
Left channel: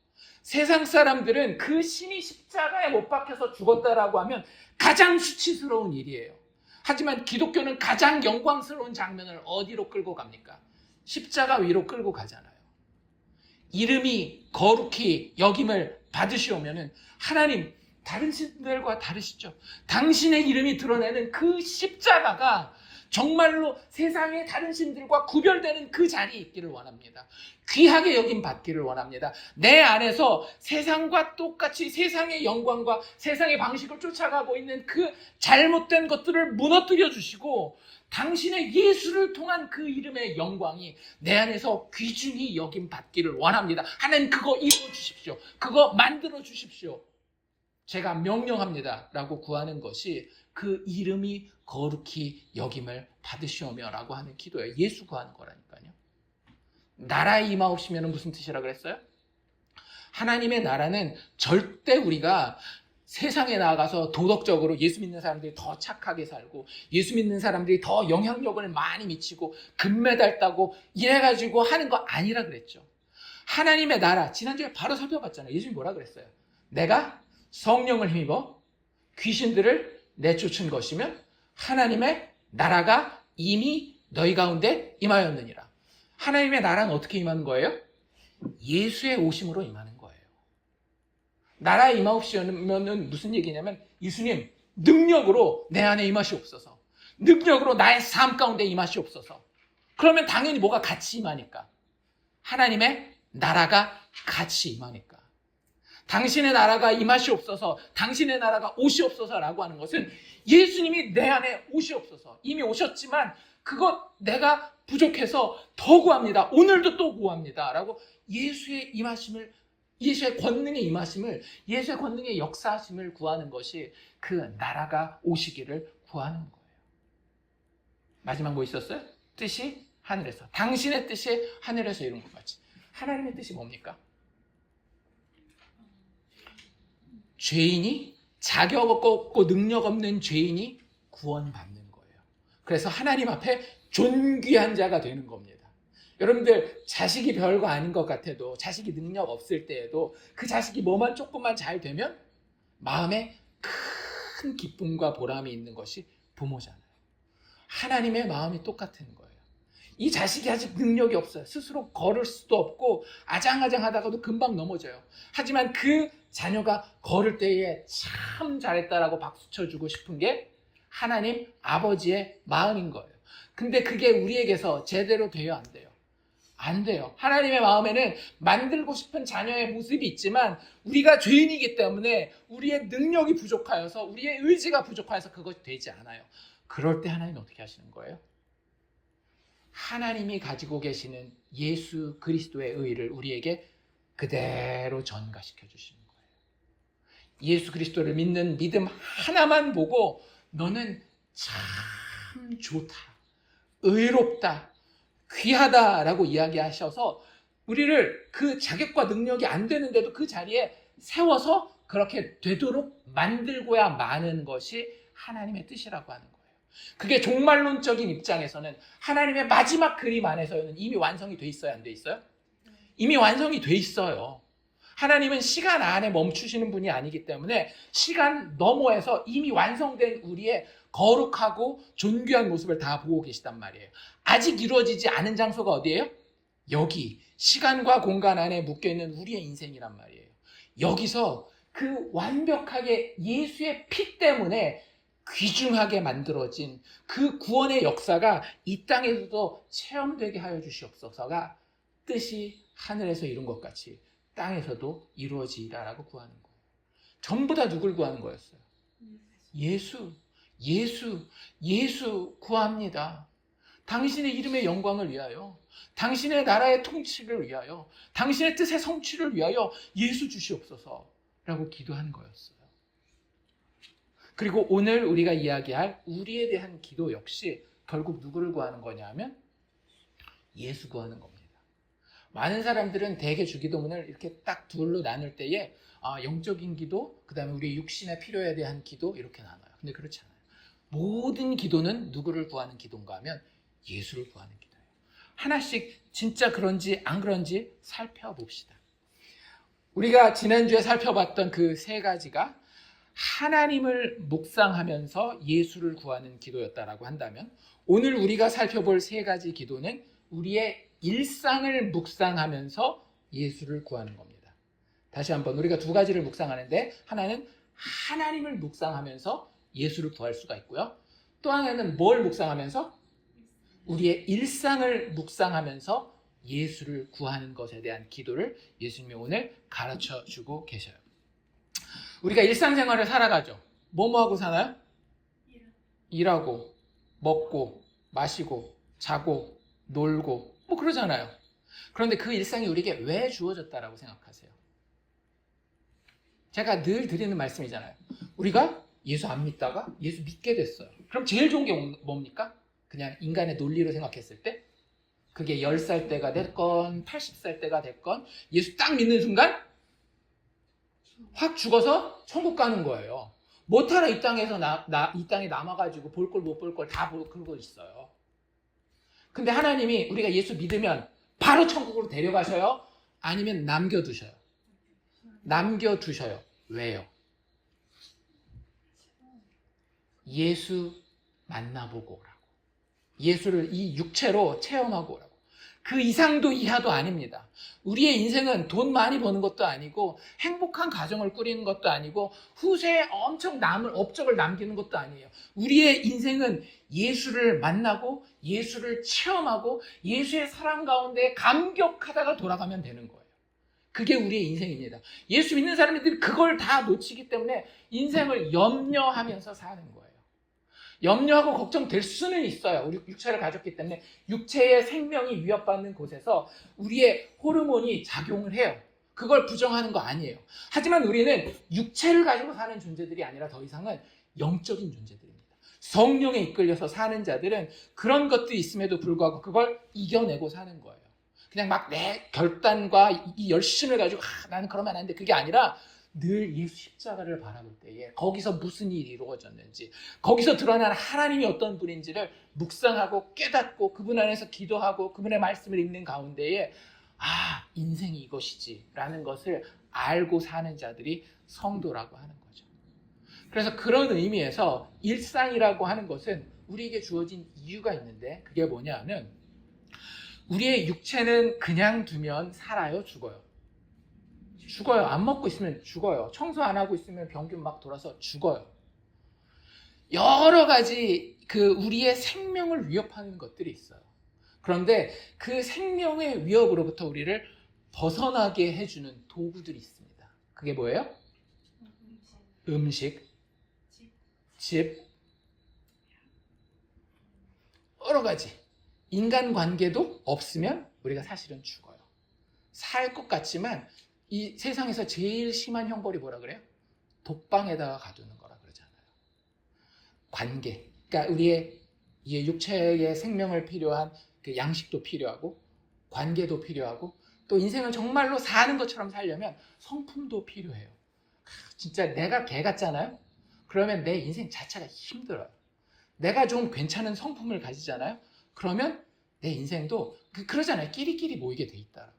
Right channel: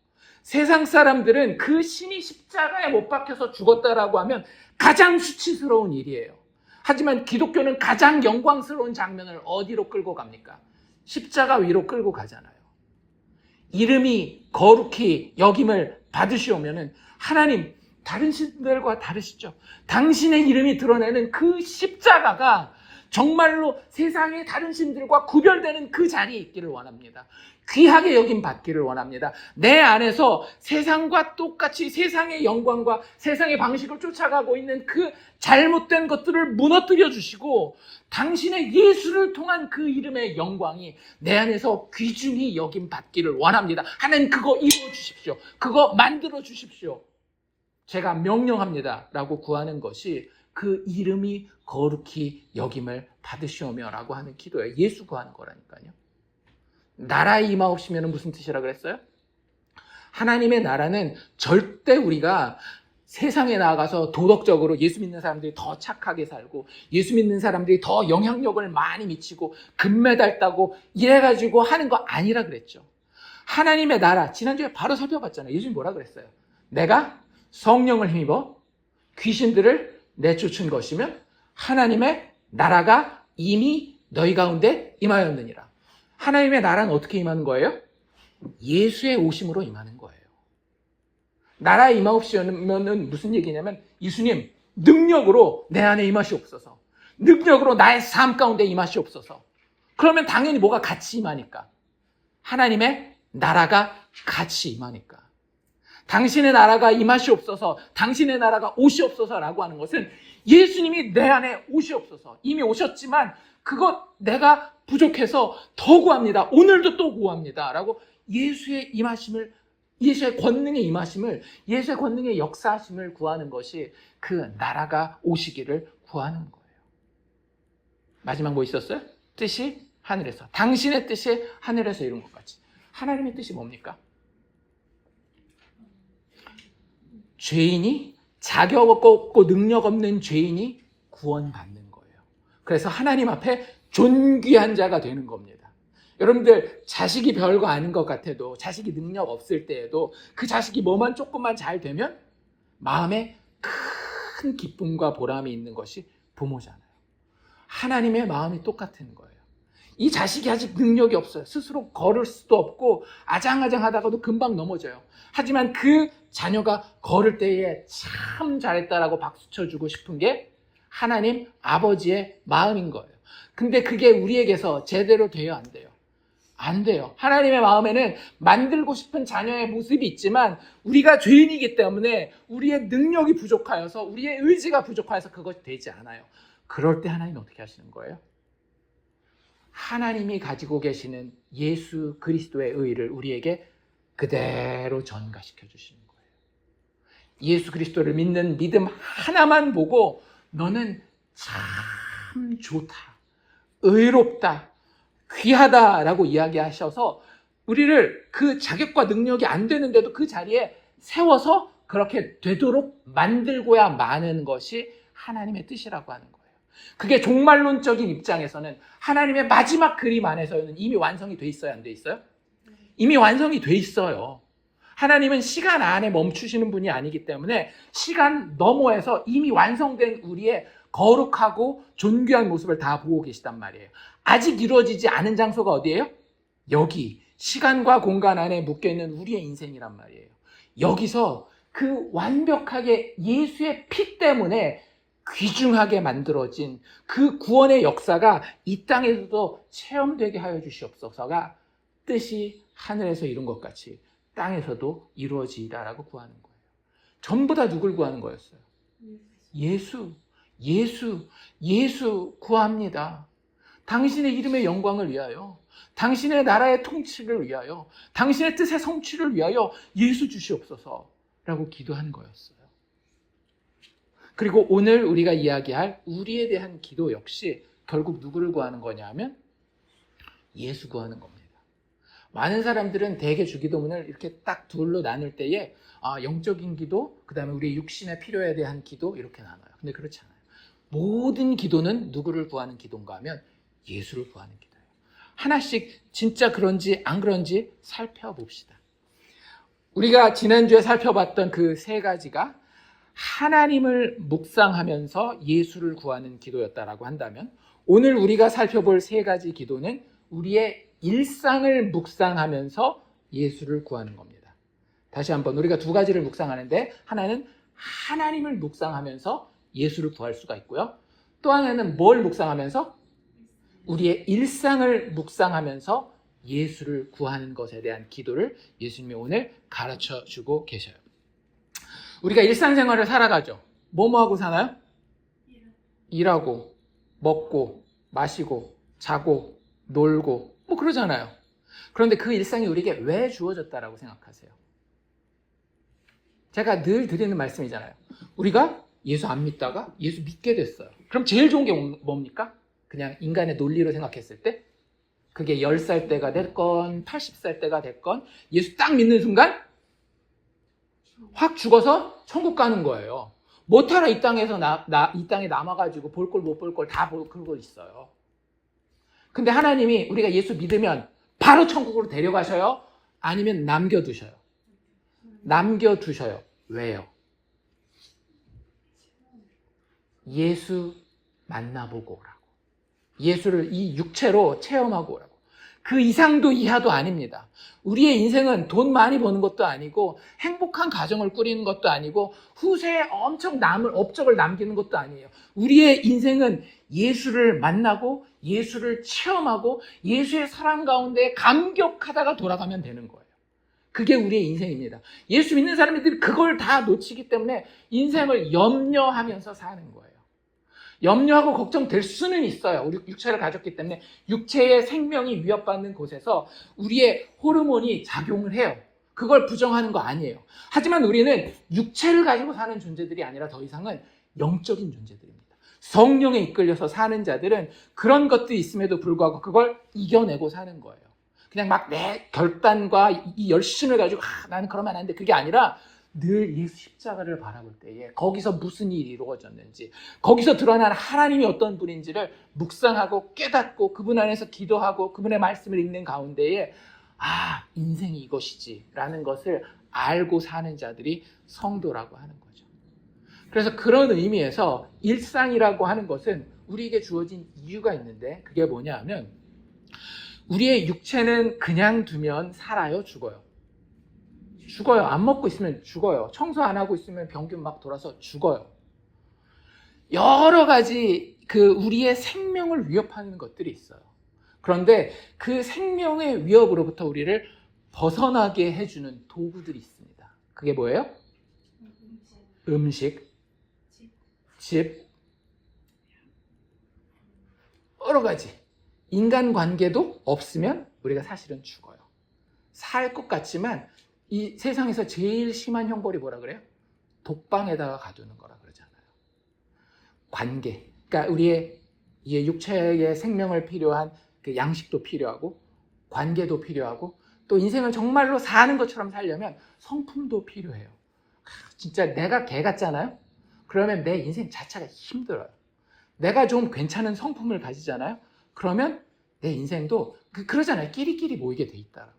세상 사람들은 그 신이 십자가에 못 박혀서 죽었다라고 하면 가장 수치스러운 일이에요. 하지만 기독교는 가장 영광스러운 장면을 어디로 끌고 갑니까? 십자가 위로 끌고 가잖아요. 이름이 거룩히 여김을 받으시오면은 하나님 다른 신들과 다르시죠. 당신의 이름이 드러내는 그 십자가가 정말로 세상의 다른 신들과 구별되는 그 자리에 있기를 원합니다. 귀하게 여김 받기를 원합니다. 내 안에서 세상과 똑같이 세상의 영광과 세상의 방식을 쫓아가고 있는 그 잘못된 것들을 무너뜨려 주시고 당신의 예수를 통한 그 이름의 영광이 내 안에서 귀중히 여김 받기를 원합니다. 하나님 그거 이루어 주십시오. 그거 만들어 주십시오. 제가 명령합니다 라고 구하는 것이 그 이름이 거룩히 여김을 받으시오며 라고 하는 기도예요. 예수 구하는 거라니까요. 나라에 임하옵시면 무슨 뜻이라 그랬어요? 하나님의 나라는 절대 우리가 세상에 나가서 도덕적으로 예수 믿는 사람들이 더 착하게 살고 예수 믿는 사람들이 더 영향력을 많이 미치고 금메달 따고 이래가지고 하는 거 아니라 그랬죠. 하나님의 나라, 지난주에 바로 살펴봤잖아요. 예수님이 뭐라 그랬어요? 내가 성령을 힘입어 귀신들을 내쫓은 것이면 하나님의 나라가 이미 너희 가운데 임하였느니라. 하나님의 나라는 어떻게 임하는 거예요? 예수의 오심으로 임하는 거예요. 나라에 임하옵시면 무슨 얘기냐면 예수님 능력으로 내 안에 임하시옵소서. 능력으로 나의 삶 가운데 임하시옵소서. 그러면 당연히 뭐가 같이 임하니까? 하나님의 나라가 같이 임하니까. 당신의 나라가 임하시옵소서, 당신의 나라가 오시옵소서라고 하는 것은 예수님이 내 안에 오시옵소서. 이미 오셨지만 그것 내가 부족해서 더 구합니다. 오늘도 또 구합니다. 라고 예수의 임하심을, 예수의 권능의 임하심을, 예수의 권능의 역사하심을 구하는 것이 그 나라가 오시기를 구하는 거예요. 마지막 뭐 있었어요? 뜻이 하늘에서. 당신의 뜻이 하늘에서 이룬 것 같이. 하나님의 뜻이 뭡니까? 죄인이 자격 없고 능력 없는 죄인이 구원받는 거예요. 그래서 하나님 앞에 존귀한 자가 되는 겁니다. 여러분들 자식이 별거 아닌 것 같아도 자식이 능력 없을 때에도 그 자식이 뭐만 조금만 잘 되면 마음에 큰 기쁨과 보람이 있는 것이 부모잖아요. 하나님의 마음이 똑같은 거예요. 이 자식이 아직 능력이 없어요. 스스로 걸을 수도 없고 아장아장하다가도 금방 넘어져요. 하지만 그 자녀가 걸을 때에 참 잘했다라고 박수 쳐주고 싶은 게 하나님 아버지의 마음인 거예요. 근데 그게 우리에게서 제대로 돼요, 안 돼요? 안 돼요. 하나님의 마음에는 만들고 싶은 자녀의 모습이 있지만 우리가 죄인이기 때문에 우리의 능력이 부족하여서 우리의 의지가 부족하여서 그것이 되지 않아요. 그럴 때 하나님은 어떻게 하시는 거예요? 하나님이 가지고 계시는 예수 그리스도의 의를 우리에게 그대로 전가시켜 주시는 거예요. 예수 그리스도를 믿는 믿음 하나만 보고 너는 참 좋다, 의롭다, 귀하다라고 이야기하셔서 우리를 그 자격과 능력이 안 되는데도 그 자리에 세워서 그렇게 되도록 만들고야 마는 것이 하나님의 뜻이라고 하는 거예요. 그게 종말론적인 입장에서는 하나님의 마지막 그림 안에서는 이미 완성이 돼 있어요, 안 돼 있어요? 이미 완성이 돼 있어요. 하나님은 시간 안에 멈추시는 분이 아니기 때문에 시간 너머에서 이미 완성된 우리의 거룩하고 존귀한 모습을 다 보고 계시단 말이에요. 아직 이루어지지 않은 장소가 어디예요? 여기 시간과 공간 안에 묶여있는 우리의 인생이란 말이에요. 여기서 그 완벽하게 예수의 피 때문에 귀중하게 만들어진 그 구원의 역사가 이 땅에서도 체험되게 하여 주시옵소서가 뜻이 하늘에서 이룬 것 같이 땅에서도 이루어지이다라고 구하는 거예요. 전부 다 누굴 구하는 거였어요? 예수 구합니다. 당신의 이름의 영광을 위하여, 당신의 나라의 통치를 위하여, 당신의 뜻의 성취를 위하여 예수 주시옵소서라고 기도하는 거였어요. 그리고 오늘 우리가 이야기할 우리에 대한 기도 역시 결국 누구를 구하는 거냐면 예수 구하는 겁니다. 많은 사람들은 대개 주기도문을 이렇게 딱 둘로 나눌 때에 영적인 기도, 그 다음에 우리 육신의 필요에 대한 기도 이렇게 나눠요. 근데 그렇지 않아요. 모든 기도는 누구를 구하는 기도인가 하면 예수를 구하는 기도예요. 하나씩 진짜 그런지 안 그런지 살펴봅시다. 우리가 지난주에 살펴봤던 그 세 가지가 하나님을 묵상하면서 예수를 구하는 기도였다라고 한다면 오늘 우리가 살펴볼 세 가지 기도는 우리의 일상을 묵상하면서 예수를 구하는 겁니다. 다시 한번 우리가 두 가지를 묵상하는데 하나는 하나님을 묵상하면서 예수를 구할 수가 있고요. 또 하나는 뭘 묵상하면서? 우리의 일상을 묵상하면서 예수를 구하는 것에 대한 기도를 예수님이 오늘 가르쳐주고 계셔요. 우리가 일상생활을 살아가죠. 뭐하고 사나요? 일하고, 먹고, 마시고, 자고, 놀고 뭐 그러잖아요. 그런데 그 일상이 우리에게 왜 주어졌다라고 생각하세요? 제가 늘 드리는 말씀이잖아요. 우리가 예수 안 믿다가 예수 믿게 됐어요. 그럼 제일 좋은 게 뭡니까? 그냥 인간의 논리로 생각했을 때 그게 10살 때가 됐건 80살 때가 됐건 예수 딱 믿는 순간 확 죽어서 천국 가는 거예요. 못하라 이 땅에서 이 땅에 남아가지고 볼 걸 못 볼 걸 다 보고 있어요. 근데 하나님이 우리가 예수 믿으면 바로 천국으로 데려가셔요? 아니면 남겨두셔요? 남겨두셔요. 왜요? 예수 만나보고 오라고. 예수를 이 육체로 체험하고 오라고. 그 이상도 이하도 아닙니다. 우리의 인생은 돈 많이 버는 것도 아니고 행복한 가정을 꾸리는 것도 아니고 후세에 엄청 업적을 남기는 것도 아니에요. 우리의 인생은 예수를 만나고 예수를 체험하고 예수의 사랑 가운데 감격하다가 돌아가면 되는 거예요. 그게 우리의 인생입니다. 예수 믿는 사람들이 그걸 다 놓치기 때문에 인생을 염려하면서 사는 거예요. 염려하고 걱정될 수는 있어요. 우리 육체를 가졌기 때문에 육체의 생명이 위협받는 곳에서 우리의 호르몬이 작용을 해요. 그걸 부정하는 거 아니에요. 하지만 우리는 육체를 가지고 사는 존재들이 아니라 더 이상은 영적인 존재들입니다. 성령에 이끌려서 사는 자들은 그런 것들이 있음에도 불구하고 그걸 이겨내고 사는 거예요. 그냥 막 내 결단과 이 열심을 가지고 나는 그러면 안 돼. 그게 아니라 늘 예수 십자가를 바라볼 때에 거기서 무슨 일이 이루어졌는지 거기서 드러난 하나님이 어떤 분인지를 묵상하고 깨닫고 그분 안에서 기도하고 그분의 말씀을 읽는 가운데에 인생이 이것이지 라는 것을 알고 사는 자들이 성도라고 하는 거죠. 그래서 그런 의미에서 일상이라고 하는 것은 우리에게 주어진 이유가 있는데 그게 뭐냐 하면 우리의 육체는 그냥 두면 살아요, 죽어요? 죽어요. 안 먹고 있으면 죽어요. 청소 안 하고 있으면 병균 막 돌아서 죽어요. 여러 가지 우리의 생명을 위협하는 것들이 있어요. 그런데 그 생명의 위협으로부터 우리를 벗어나게 해주는 도구들이 있습니다. 그게 뭐예요? 음식, 집, 여러 가지. 인간관계도 없으면 우리가 사실은 죽어요. 살 것 같지만 이 세상에서 제일 심한 형벌이 뭐라 그래요? 독방에다가 가두는 거라 그러잖아요. 관계. 그러니까 우리의 이 육체의 생명을 필요한 그 양식도 필요하고 관계도 필요하고 또 인생을 정말로 사는 것처럼 살려면 성품도 필요해요. 진짜 내가 개 같잖아요. 그러면 내 인생 자체가 힘들어요. 내가 좀 괜찮은 성품을 가지잖아요. 그러면 내 인생도 그러잖아요. 끼리끼리 모이게 돼 있다라고.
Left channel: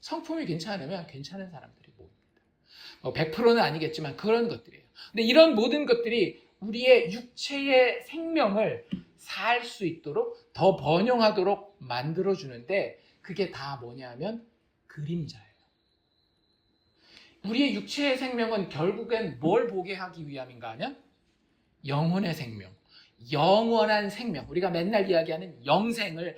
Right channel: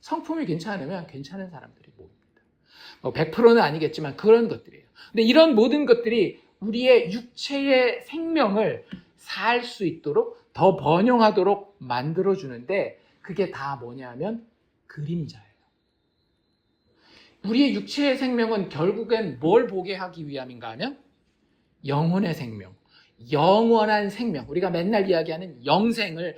성품이 괜찮으면 괜찮은 사람들이 모입니다. 100%는 아니겠지만 그런 것들이에요. 근데 이런 모든 것들이 우리의 육체의 생명을 살 수 있도록 더 번영하도록 만들어주는데 그게 다 뭐냐면 그림자예요. 우리의 육체의 생명은 결국엔 뭘 보게 하기 위함인가 하면 영혼의 생명, 영원한 생명, 우리가 맨날 이야기하는 영생을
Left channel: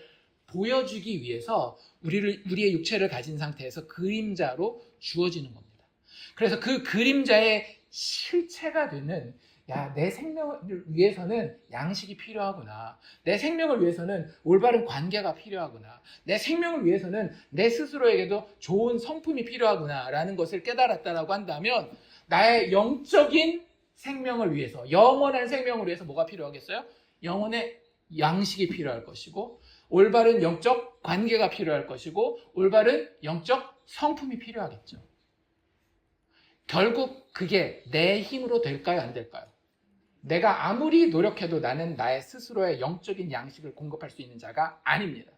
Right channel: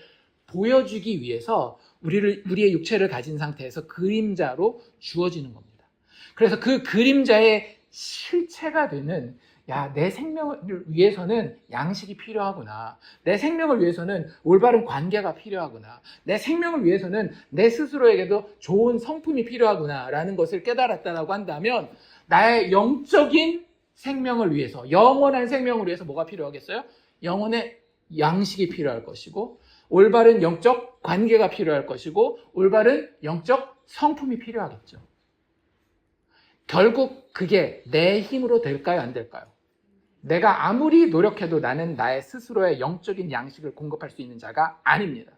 보여주기 위해서 우리의 육체를 가진 상태에서 그림자로 주어지는 겁니다. 그래서 그 그림자의 실체가 되는 내 생명을 위해서는 양식이 필요하구나. 내 생명을 위해서는 올바른 관계가 필요하구나. 내 생명을 위해서는 내 스스로에게도 좋은 성품이 필요하구나 라는 것을 깨달았다라고 한다면 나의 영적인 생명을 위해서, 영원한 생명을 위해서 뭐가 필요하겠어요? 영혼의 양식이 필요할 것이고 올바른 영적 관계가 필요할 것이고 올바른 영적 성품이 필요하겠죠. 결국 그게 내 힘으로 될까요? 안 될까요? 내가 아무리 노력해도 나는 나의 스스로의 영적인 양식을 공급할 수 있는 자가 아닙니다.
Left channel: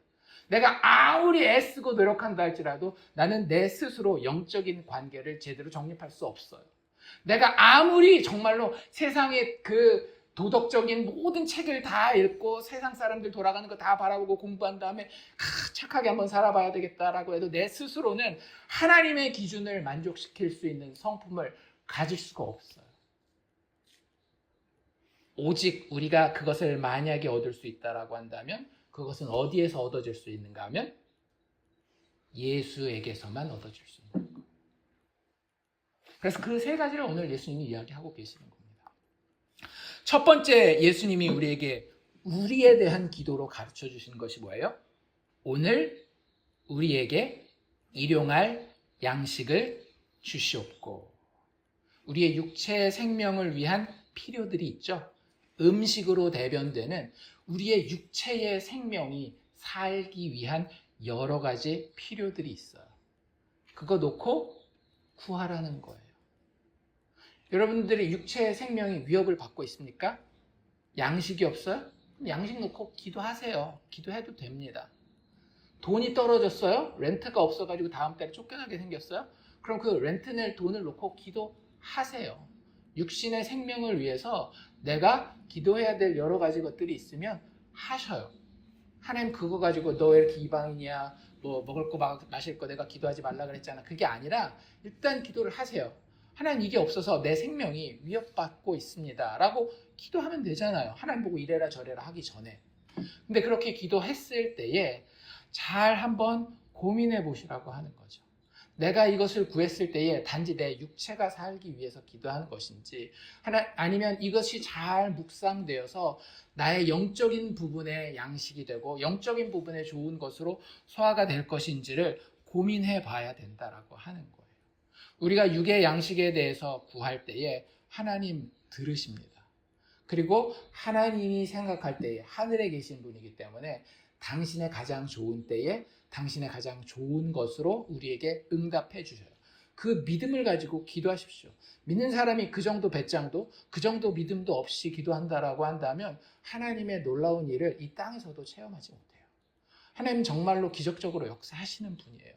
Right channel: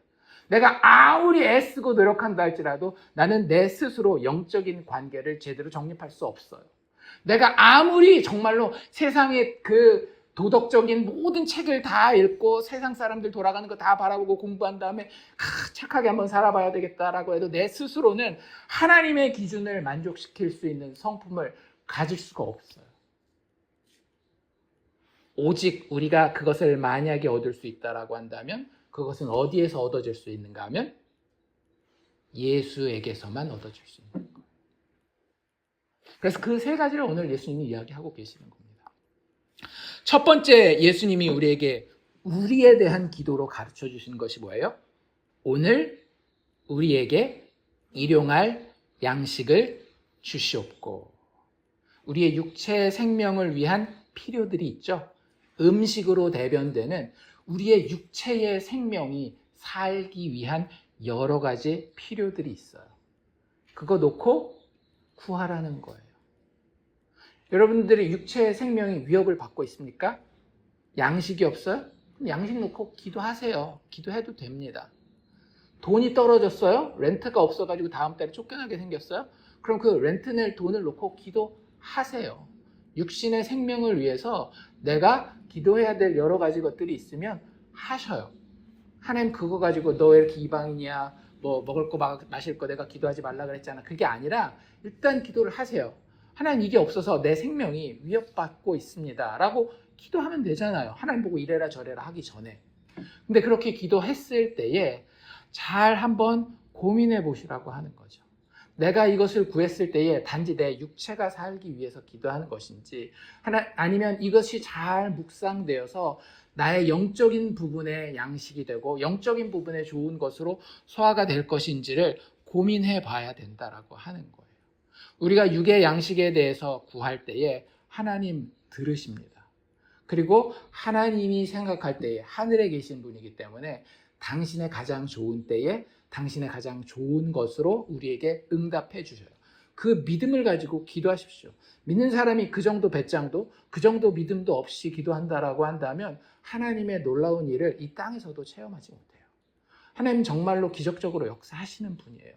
내가 아무리 애쓰고 노력한다 할지라도 나는 내 스스로 영적인 관계를 제대로 정립할 수 없어요. 내가 아무리 정말로 세상의 그 도덕적인 모든 책을 다 읽고 세상 사람들 돌아가는 거 다 바라보고 공부한 다음에 착하게 한번 살아봐야 되겠다라고 해도 내 스스로는 하나님의 기준을 만족시킬 수 있는 성품을 가질 수가 없어요. 오직 우리가 그것을 만약에 얻을 수 있다라고 한다면 그것은 어디에서 얻어질 수 있는가 하면 예수에게서만 얻어질 수 있는 거예요. 그래서 그 세 가지를 오늘 예수님이 이야기하고 계시는 겁니다. 첫 번째 예수님이 우리에게 우리에 대한 기도로 가르쳐 주시는 것이 뭐예요? 오늘 우리에게 일용할 양식을 주시옵고. 우리의 육체의 생명을 위한 필요들이 있죠. 음식으로 대변되는 우리의 육체의 생명이 살기 위한 여러 가지 필요들이 있어요. 그거 놓고 구하라는 거예요. 여러분들의 육체의 생명이 위협을 받고 있습니까? 양식이 없어요? 그럼 양식 놓고 기도하세요. 기도해도 됩니다. 돈이 떨어졌어요? 렌트가 없어가지고 다음 달에 쫓겨나게 생겼어요? 그럼 그 렌트 낼 돈을 놓고 기도하세요. 육신의 생명을 위해서 내가 기도해야 될 여러 가지 것들이 있으면 하셔요. 하나님 그거 가지고 너 왜 이렇게 이방이냐, 뭐 먹을 거 마실 거 내가 기도하지 말라 그랬잖아. 그게 아니라 일단 기도를 하세요. 하나님 이게 없어서 내 생명이 위협받고 있습니다 라고 기도하면 되잖아요. 하나님 보고 이래라 저래라 하기 전에. 근데 그렇게 기도했을 때에 잘 한번 고민해 보시라고 하는 거죠. 내가 이것을 구했을 때에 단지 내 육체가 살기 위해서 기도하는 것인지 아니면 이것이 잘 묵상되어서 나의 영적인 부분의 양식이 되고 영적인 부분의 좋은 것으로 소화가 될 것인지를 고민해 봐야 된다라고 하는 거예요. 우리가 육의 양식에 대해서 구할 때에 하나님 들으십니다. 그리고 하나님이 생각할 때에 하늘에 계신 분이기 때문에 당신의 가장 좋은 때에 당신의 가장 좋은 것으로 우리에게 응답해 주셔요. 그 믿음을 가지고 기도하십시오. 믿는 사람이 그 정도 배짱도 그 정도 믿음도 없이 기도한다라고 한다면 하나님의 놀라운 일을 이 땅에서도 체험하지 못해요. 하나님 정말로 기적적으로 역사하시는 분이에요.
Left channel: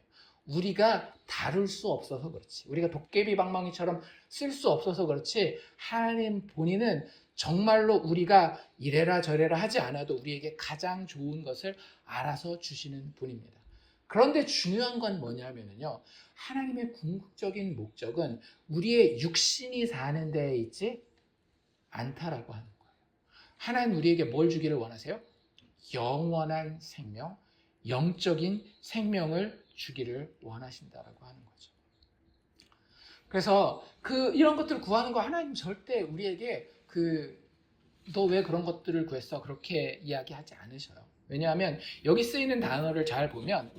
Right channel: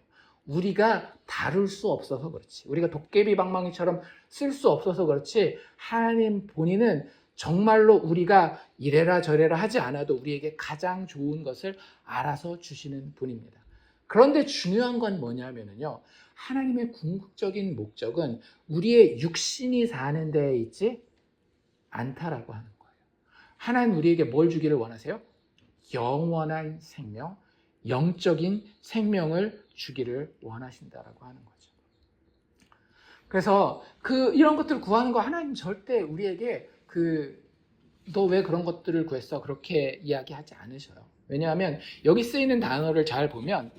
우리가 다룰 수 없어서 그렇지, 우리가 도깨비 방망이처럼 쓸 수 없어서 그렇지, 하나님 본인은 정말로 우리가 이래라 저래라 하지 않아도 우리에게 가장 좋은 것을 알아서 주시는 분입니다. 그런데 중요한 건 뭐냐면요, 하나님의 궁극적인 목적은 우리의 육신이 사는 데에 있지 않다라고 하는 거예요. 하나님 우리에게 뭘 주기를 원하세요? 영원한 생명, 영적인 생명을 주기를 원하신다라고 하는 거죠. 그래서 이런 것들을 구하는 거 하나님 절대 우리에게 너 왜 그런 것들을 구했어? 그렇게 이야기하지 않으셔요. 왜냐하면 여기 쓰이는 단어를 잘 보면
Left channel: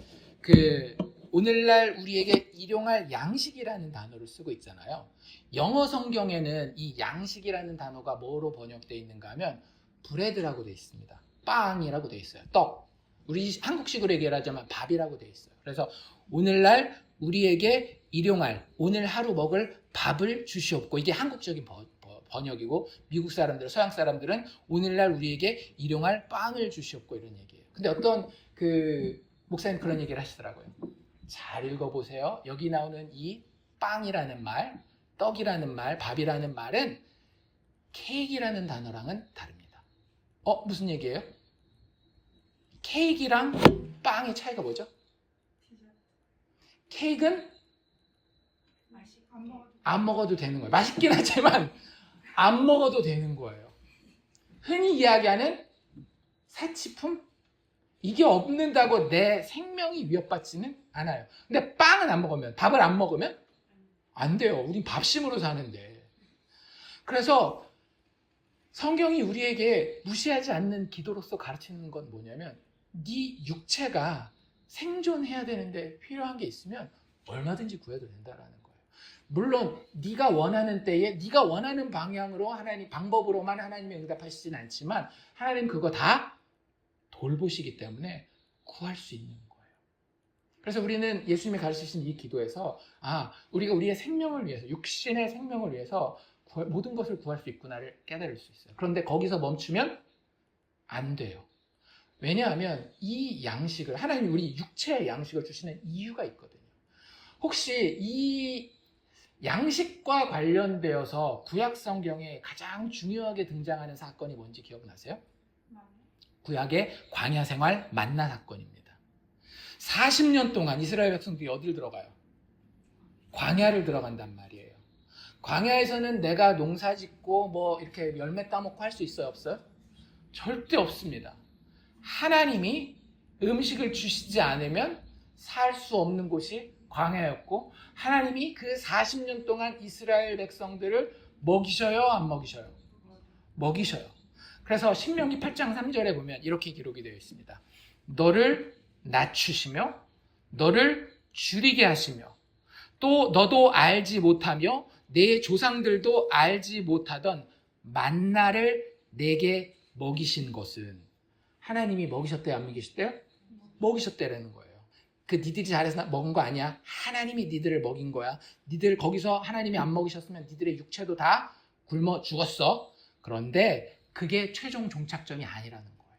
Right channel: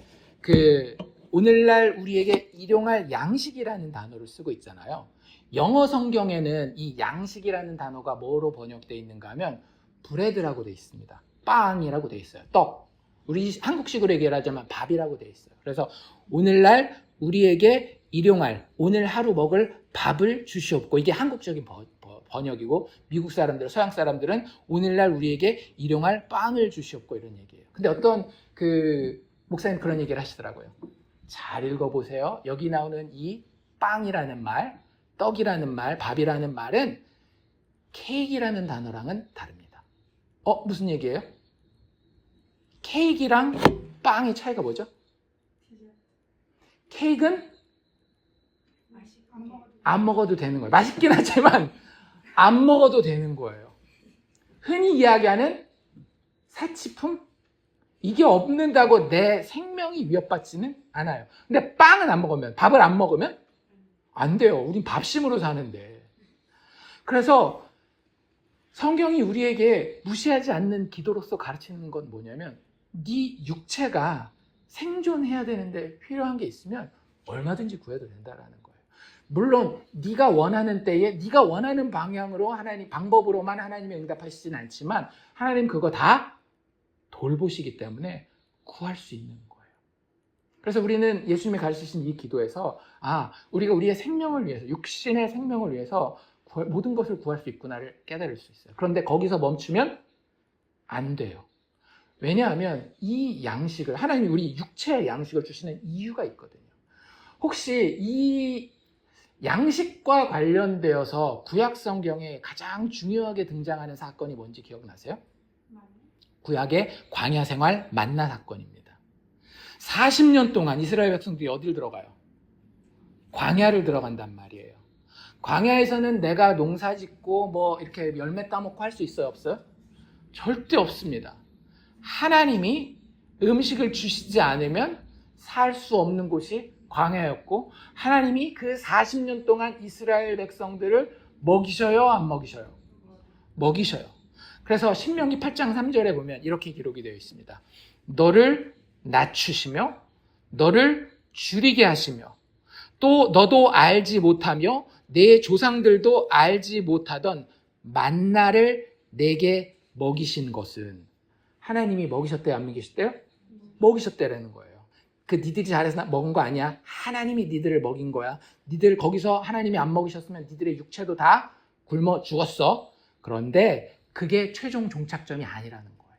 오늘날 우리에게 일용할 양식이라는 단어를 쓰고 있잖아요. 영어 성경에는 이 양식이라는 단어가 뭐로 번역되어 있는가 하면 브레드라고 되어 있습니다. 빵이라고 돼 있어요. 떡. 우리 한국식으로 얘기하자면 밥이라고 돼 있어요. 그래서 오늘날 우리에게 일용할, 오늘 하루 먹을 밥을 주시옵고, 이게 한국적인 번역이고, 미국 사람들, 서양 사람들은 오늘날 우리에게 일용할 빵을 주시옵고, 이런 얘기예요. 근데 어떤 목사님 그런 얘기를 하시더라고요. 잘 읽어보세요. 여기 나오는 이 빵이라는 말, 떡이라는 말, 밥이라는 말은 케이크라는 단어랑은 다릅니다. 무슨 얘기예요? 케이크랑 빵의 차이가 뭐죠? 케이크는 안 먹어도 되는 거예요. 맛있긴 하지만 안 먹어도 되는 거예요. 흔히 이야기하는 사치품? 이게 없는다고 내 생명이 위협받지는 않아요. 근데 빵은 안 먹으면, 밥을 안 먹으면 안 돼요. 우린 밥심으로 사는데. 그래서 성경이 우리에게 무시하지 않는 기도로서 가르치는 건 뭐냐면, 네 육체가 생존해야 되는데 필요한 게 있으면 얼마든지 구해도 된다라는 거예요. 물론 네가 원하는 때에 네가 원하는 방향으로 방법으로만 하나님이 응답하시진 않지만 하나님 그거 다 돌보시기 때문에 구할 수 있는 거예요. 그래서 우리는 예수님이 가르치신 이 기도에서 우리가 우리의 생명을 위해서, 육신의 생명을 위해서 모든 것을 구할 수 있구나를 깨달을 수 있어요. 그런데 거기서 멈추면 안 돼요. 왜냐하면 이 양식을, 하나님이 우리 육체의 양식을 주시는 이유가 있거든요. 혹시 이 양식과 관련되어서 구약 성경에 가장 중요하게 등장하는 사건이 뭔지 기억나세요? 구약의 광야 생활 만나 사건입니다. 40년 동안 이스라엘 백성들이 어디를 들어가요? 광야를 들어간단 말이에요. 광야에서는 내가 농사 짓고 이렇게 열매 따먹고 할 수 있어요? 없어요? 절대 없습니다. 하나님이 음식을 주시지 않으면 살 수 없는 곳이 광야였고, 하나님이 그 40년 동안 이스라엘 백성들을 먹이셔요? 안 먹이셔요? 먹이셔요. 그래서 신명기 8장 3절에 보면 이렇게 기록이 되어 있습니다. 너를 낮추시며 너를 줄이게 하시며 또 너도 알지 못하며 내 조상들도 알지 못하던 만나를 내게 먹이신 것은, 하나님이 먹이셨대요? 안 먹이셨대요? 먹이셨대라는 거예요. 니들이 잘해서 먹은 거 아니야. 하나님이 니들을 먹인 거야. 니들 거기서 하나님이 안 먹이셨으면 니들의 육체도 다 굶어 죽었어. 그런데 그게 최종 종착점이 아니라는 거예요.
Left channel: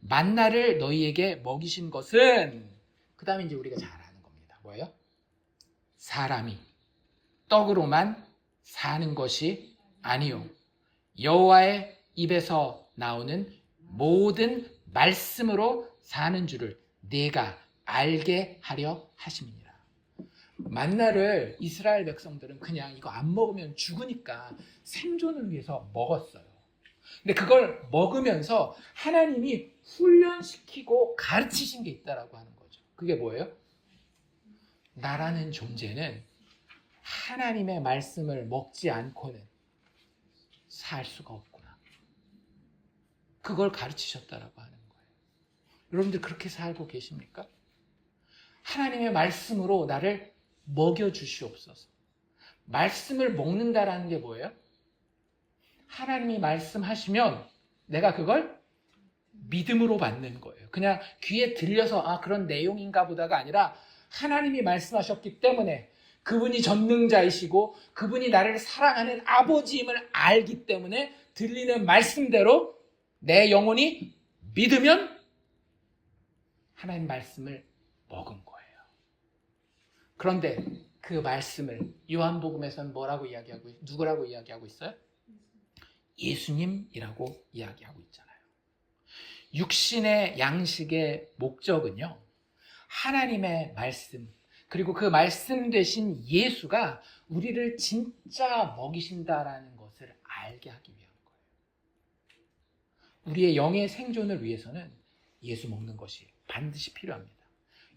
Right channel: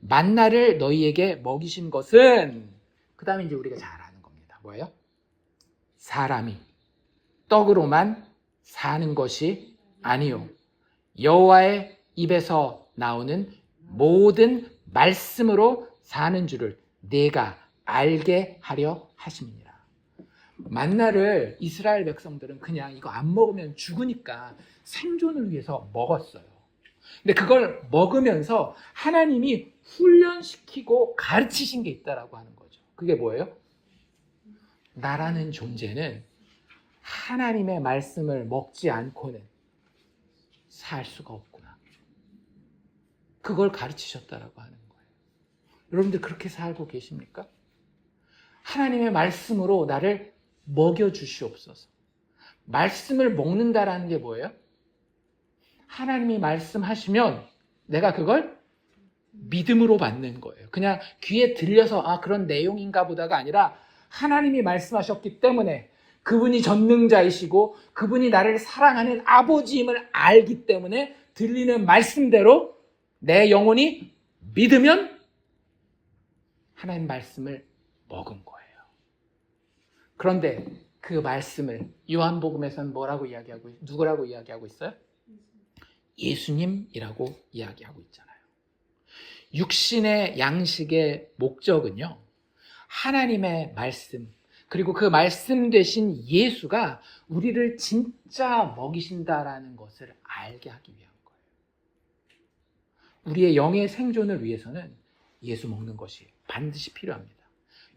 만나를 너희에게 먹이신 것은, 그 다음에 이제 우리가 잘 아는 겁니다. 뭐예요? 사람이 떡으로만 사는 것이 아니요 여호와의 입에서 나오는 모든 말씀으로 사는 줄을 내가 알게 하려 하심이니라. 만나를 이스라엘 백성들은 그냥 이거 안 먹으면 죽으니까 생존을 위해서 먹었어요. 근데 그걸 먹으면서 하나님이 훈련시키고 가르치신 게 있다라고 하는 거죠. 그게 뭐예요? 나라는 존재는 하나님의 말씀을 먹지 않고는 살 수가 없구나. 그걸 가르치셨다라고 하는 거예요. 여러분들 그렇게 살고 계십니까? 하나님의 말씀으로 나를 먹여주시옵소서. 말씀을 먹는다라는 게 뭐예요? 하나님이 말씀하시면 내가 그걸 믿음으로 받는 거예요. 그냥 귀에 들려서 그런 내용인가 보다가 아니라 하나님이 말씀하셨기 때문에, 그분이 전능자이시고 그분이 나를 사랑하는 아버지임을 알기 때문에 들리는 말씀대로 내 영혼이 믿으면 하나님 말씀을 먹은 거예요. 그런데 그 말씀을 요한복음에서는 누구라고 이야기하고 있어요? 예수님이라고 이야기하고 있잖아요. 육신의 양식의 목적은요, 하나님의 말씀, 그리고 그 말씀 되신 예수가 우리를 진짜 먹이신다라는 것을 알게 하기 위한 거예요. 우리의 영의 생존을 위해서는 예수 먹는 것이 반드시 필요합니다.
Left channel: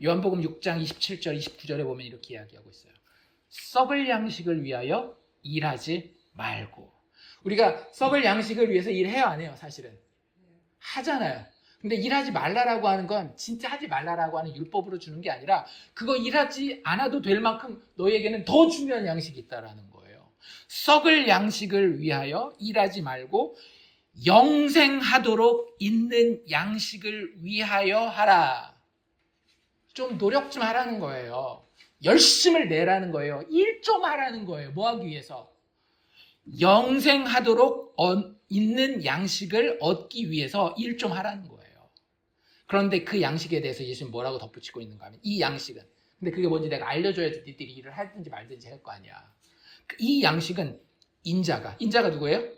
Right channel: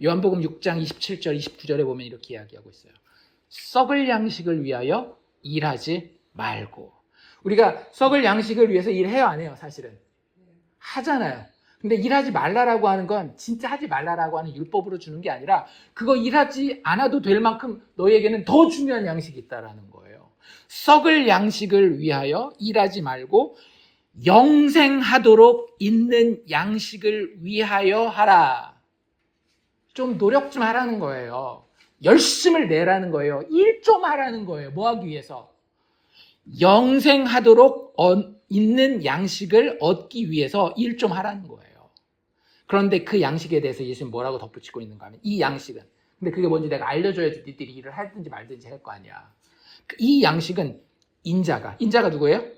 요한복음 6장 27절, 29절에 보면 이렇게 이야기하고 있어요. 썩을 양식을 위하여 일하지 말고. 우리가 썩을 양식을 위해서 일해요, 안 해요? 사실은 하잖아요. 근데 일하지 말라라고 하는 건 진짜 하지 말라라고 하는 율법으로 주는 게 아니라, 그거 일하지 않아도 될 만큼 너희에게는 더 중요한 양식이 있다라는 거예요. 썩을 양식을 위하여 일하지 말고 영생하도록 있는 양식을 위하여 하라. 좀 노력 좀 하라는 거예요. 열심을 내라는 거예요. 일 좀 하라는 거예요. 뭐 하기 위해서? 영생하도록 있는 양식을 얻기 위해서 일 좀 하라는 거예요. 그런데 그 양식에 대해서 예수님 뭐라고 덧붙이고 있는가 하면 이 양식은, 근데 그게 뭔지 내가 알려줘야지 니들이 일을 하든지 말든지 할 거 아니야. 이 양식은 인자가 누구예요?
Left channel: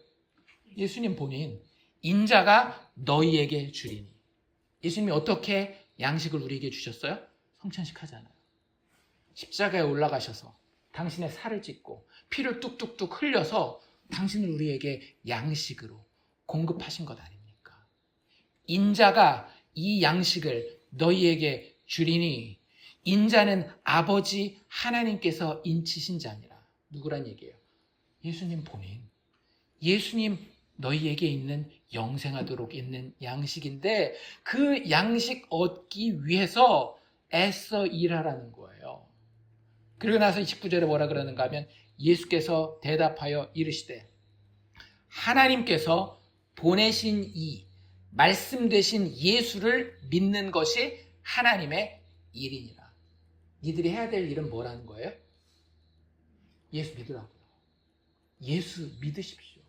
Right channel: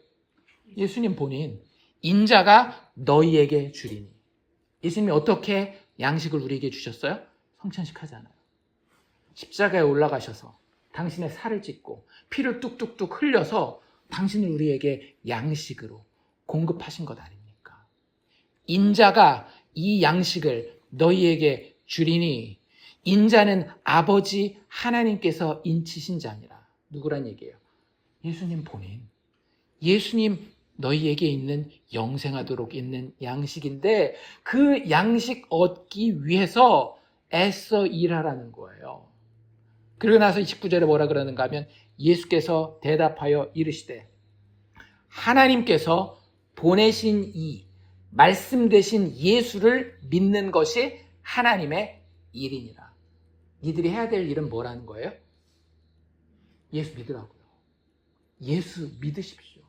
예수님 본인. 인자가 너희에게 주리니. 예수님이 어떻게 양식을 우리에게 주셨어요? 성찬식 하잖아요. 십자가에 올라가셔서 당신의 살을 찢고 피를 뚝뚝뚝 흘려서 당신을 우리에게 양식으로 공급하신 것 아닙니까? 인자가 이 양식을 너희에게 주리니 인자는 아버지 하나님께서 인치신 자니라. 누구란 얘기예요? 예수님 본인. 예수님 너희에게 있는 영생하도록 있는 양식인데 그 양식 얻기 위해서 애써 일하라는 거예요. 그리고 나서 29절에 뭐라 그러는가 하면 예수께서 대답하여 이르시되 하나님께서 보내신 이 말씀 되신 예수를 믿는 것이 하나님의 일이니라. 니들이 해야 될 일은 뭐라는 거예요? 예수 믿으라고요. 예수 믿으십시오.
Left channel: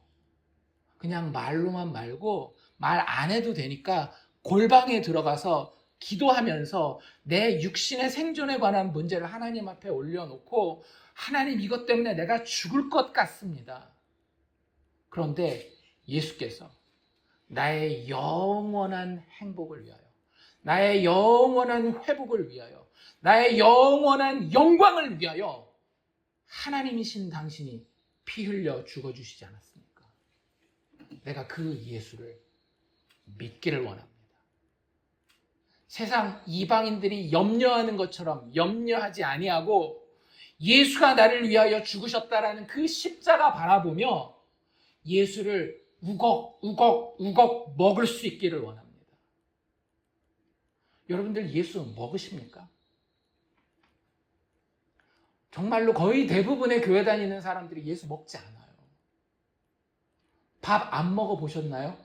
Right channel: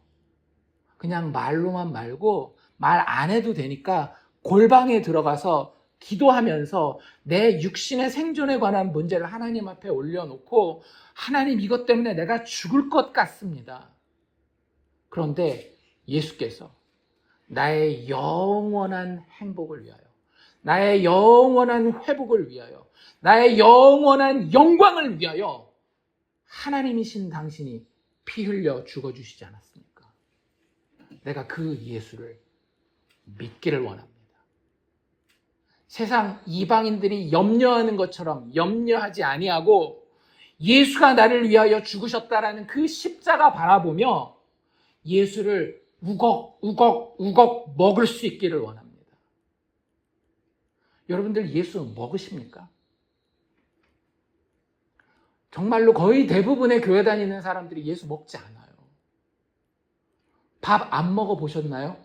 그냥 말로만 말고 말 안 해도 되니까 골방에 들어가서 기도하면서 내 육신의 생존에 관한 문제를 하나님 앞에 올려놓고 하나님 이것 때문에 내가 죽을 것 같습니다. 그런데 예수께서 나의 영원한 행복을 위하여, 나의 영원한 회복을 위하여, 나의 영원한 영광을 위하여 하나님이신 당신이 피 흘려 죽어주시지 않았습니까? 내가 그 예수를 믿기를 원합니다. 세상 이방인들이 염려하는 것처럼 염려하지 아니하고 예수가 나를 위하여 죽으셨다라는 그 십자가 바라보며 예수를 우걱 먹을 수 있기를 원합니다. 여러분들 예수 먹으십니까? 정말로 거의 대부분의 교회 다니는 사람들이 예수 먹지 않아요. 밥 안 먹어 보셨나요?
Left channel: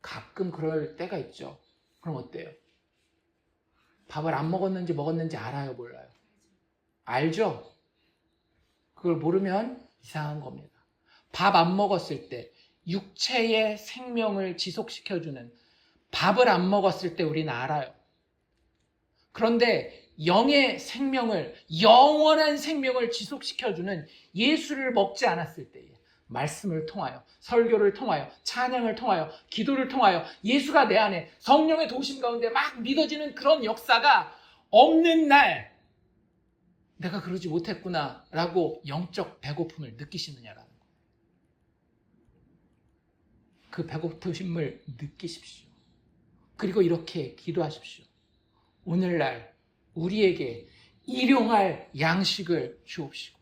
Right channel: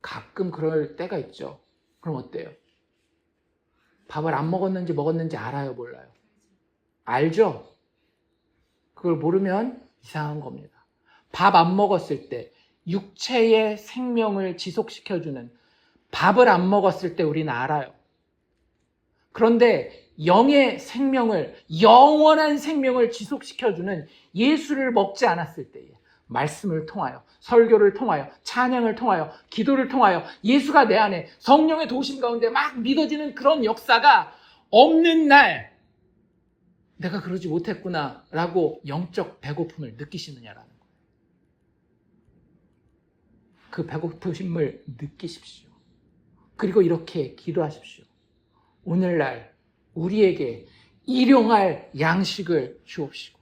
가끔 그럴 때가 있죠. 그럼 어때요? 밥을 안 먹었는지 알아요, 몰라요? 알죠? 그걸 모르면 이상한 겁니다. 밥 안 먹었을 때 육체의 생명을 지속시켜주는 밥을 안 먹었을 때 우리는 알아요. 그런데 영의 생명을, 영원한 생명을 지속시켜주는 예수를 먹지 않았을 때에 말씀을 통하여, 설교를 통하여, 찬양을 통하여, 기도를 통하여 예수가 내 안에 성령의 도심 가운데 막 믿어지는 그런 역사가 없는 날 내가 그러지 못했구나 라고 영적 배고픔을 느끼시느냐라는 거예요. 그 배고픔을 느끼십시오. 그리고 이렇게 기도하십시오. 오늘날 우리에게 일용할 양식을 주옵시고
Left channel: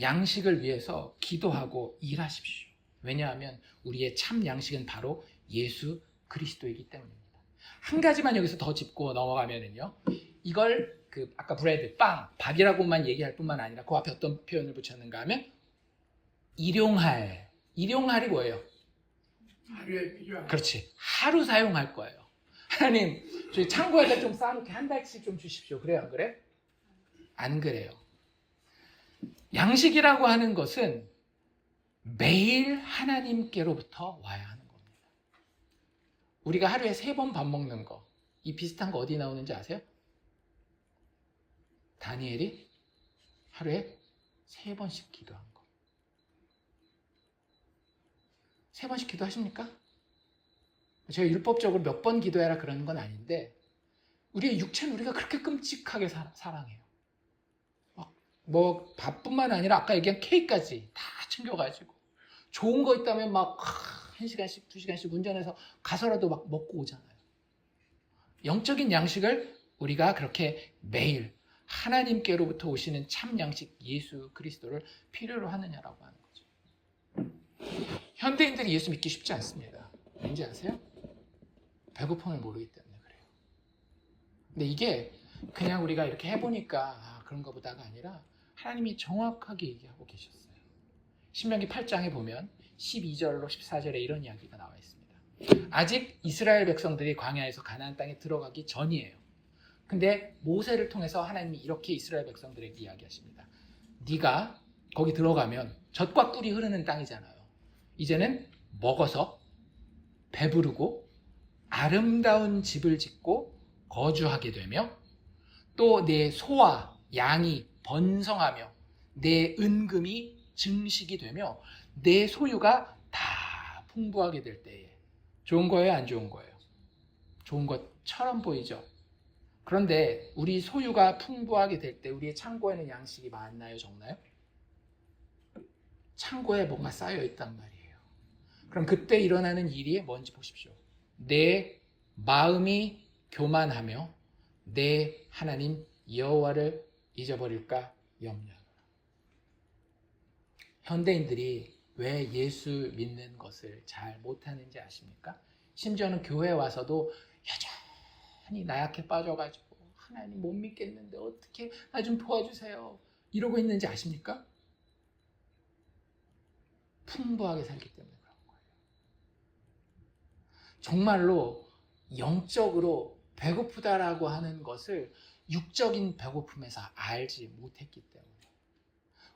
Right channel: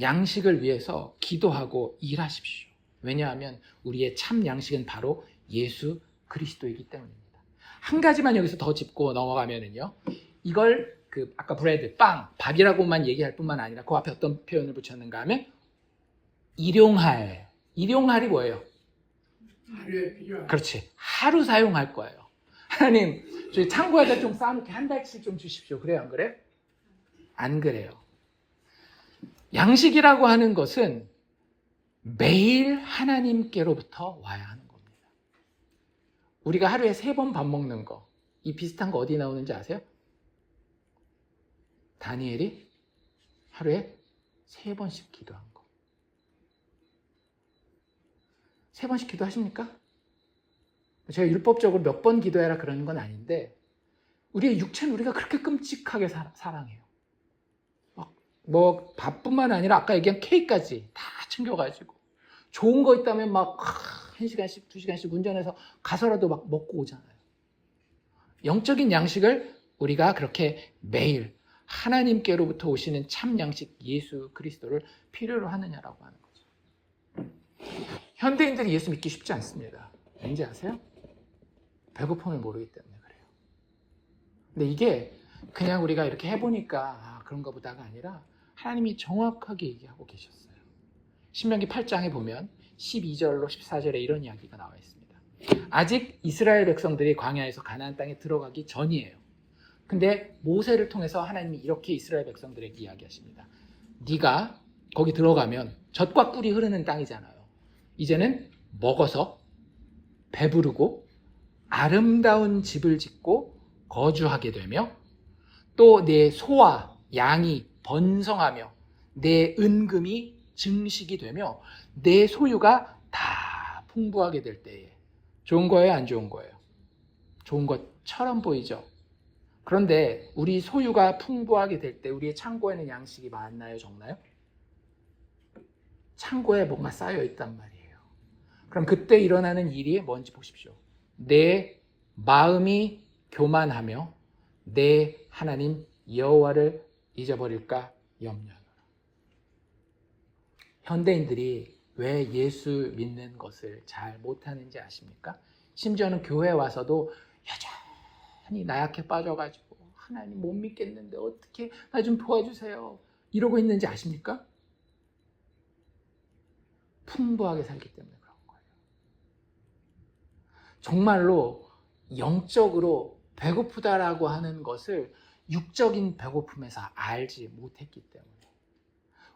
양식을 위해서 기도하고 일하십시오. 왜냐하면 우리의 참 양식은 바로 예수 그리스도이기 때문입니다. 한 가지만 여기서 더 짚고 넘어가면은요. 이걸 아까 브레드, 빵, 밥이라고만 얘기할 뿐만 아니라 그 앞에 어떤 표현을 붙였는가 하면 일용할. 일용할이 뭐예요? 그렇지. 하루 사용할 거예요. 하나님, 저희 창고에다 좀 쌓아놓게 한 달치 좀 주십시오. 그래요? 안 그래요? 안 그래요. 양식이라고 하는 것은 매일 하나님께로부터 와야 하는 겁니다. 우리가 하루에 3번 밥 먹는 거, 이 비슷한 거 어디 나오는지 아세요? 다니엘이 하루에 3번씩 기도한 거. 3번씩 기도하십니까? 제가 율법적으로 몇 번 기도해라 그러는 건 아닌데 우리의 육체는 우리가 그렇게 끔찍하게 사랑해요. 뭐 밥뿐만 아니라 아까 얘기한 케이크까지 다 챙겨가지고 좋은 거 있다면 막 1시간씩 2시간씩 운전해서 가서라도 막 먹고 오잖아요. 영적인 양식을 우리가 그렇게 매일 하나님께로부터 오시는 참 양식 예수 그리스도를 필요로 하느냐라고 하는 거죠. 현대인들이 예수 믿기 쉽지 않습니다. 왠지 아세요? 배고픔을 모르기 때문에 그래요. 근데 이게 그냥 우리가 이렇게 해보니까 그런가 보다가 아니라 하나님이 정확하게 얘기하고 계셨어요. 신명기 8장에 보면 12절로 14절에 이런 이야기가 나와 있습니다. 아직 이스라엘 백성들이 광야에서 가나안 땅에 들어가기 전이에요. 근데 모세를 통해서 하나님이 이렇게 이스라엘 백성들에게 이야기하십니다. 네가 거기 들어가면 젖과 꿀이 흐르는 땅이잖아요. 이제는 먹어서 배부르고 아름다운 집을 짓고 거주하게 되며 또 내 소와 양이 번성하며 내 은금이 증식이 되며 내 소유가 다 풍부하게 될 때에 좋은 거예요, 안 좋은 거예요? 좋은 것처럼 보이죠? 그런데 우리 소유가 풍부하게 될 때 우리의 창고에는 양식이 많나요, 적나요? 창고에 뭔가 쌓여 있단 말이에요. 그럼 그때 일어나는 일이 뭔지 보십시오. 내 마음이 교만하며 내 하나님 여호와를 잊어버릴까 염려하노라. 현대인들이 왜 예수 믿는 것을 잘 못하는지 아십니까? 심지어는 교회에 와서도 여전히 나약해 빠져가지고 하나님 못 믿겠는데 어떻게 나 좀 도와주세요 이러고 있는지 아십니까? 풍부하게 살기 때문에 그런 거예요. 정말로 영적으로 배고프다라고 하는 것을 육적인 배고픔에서 알지 못했기 때문에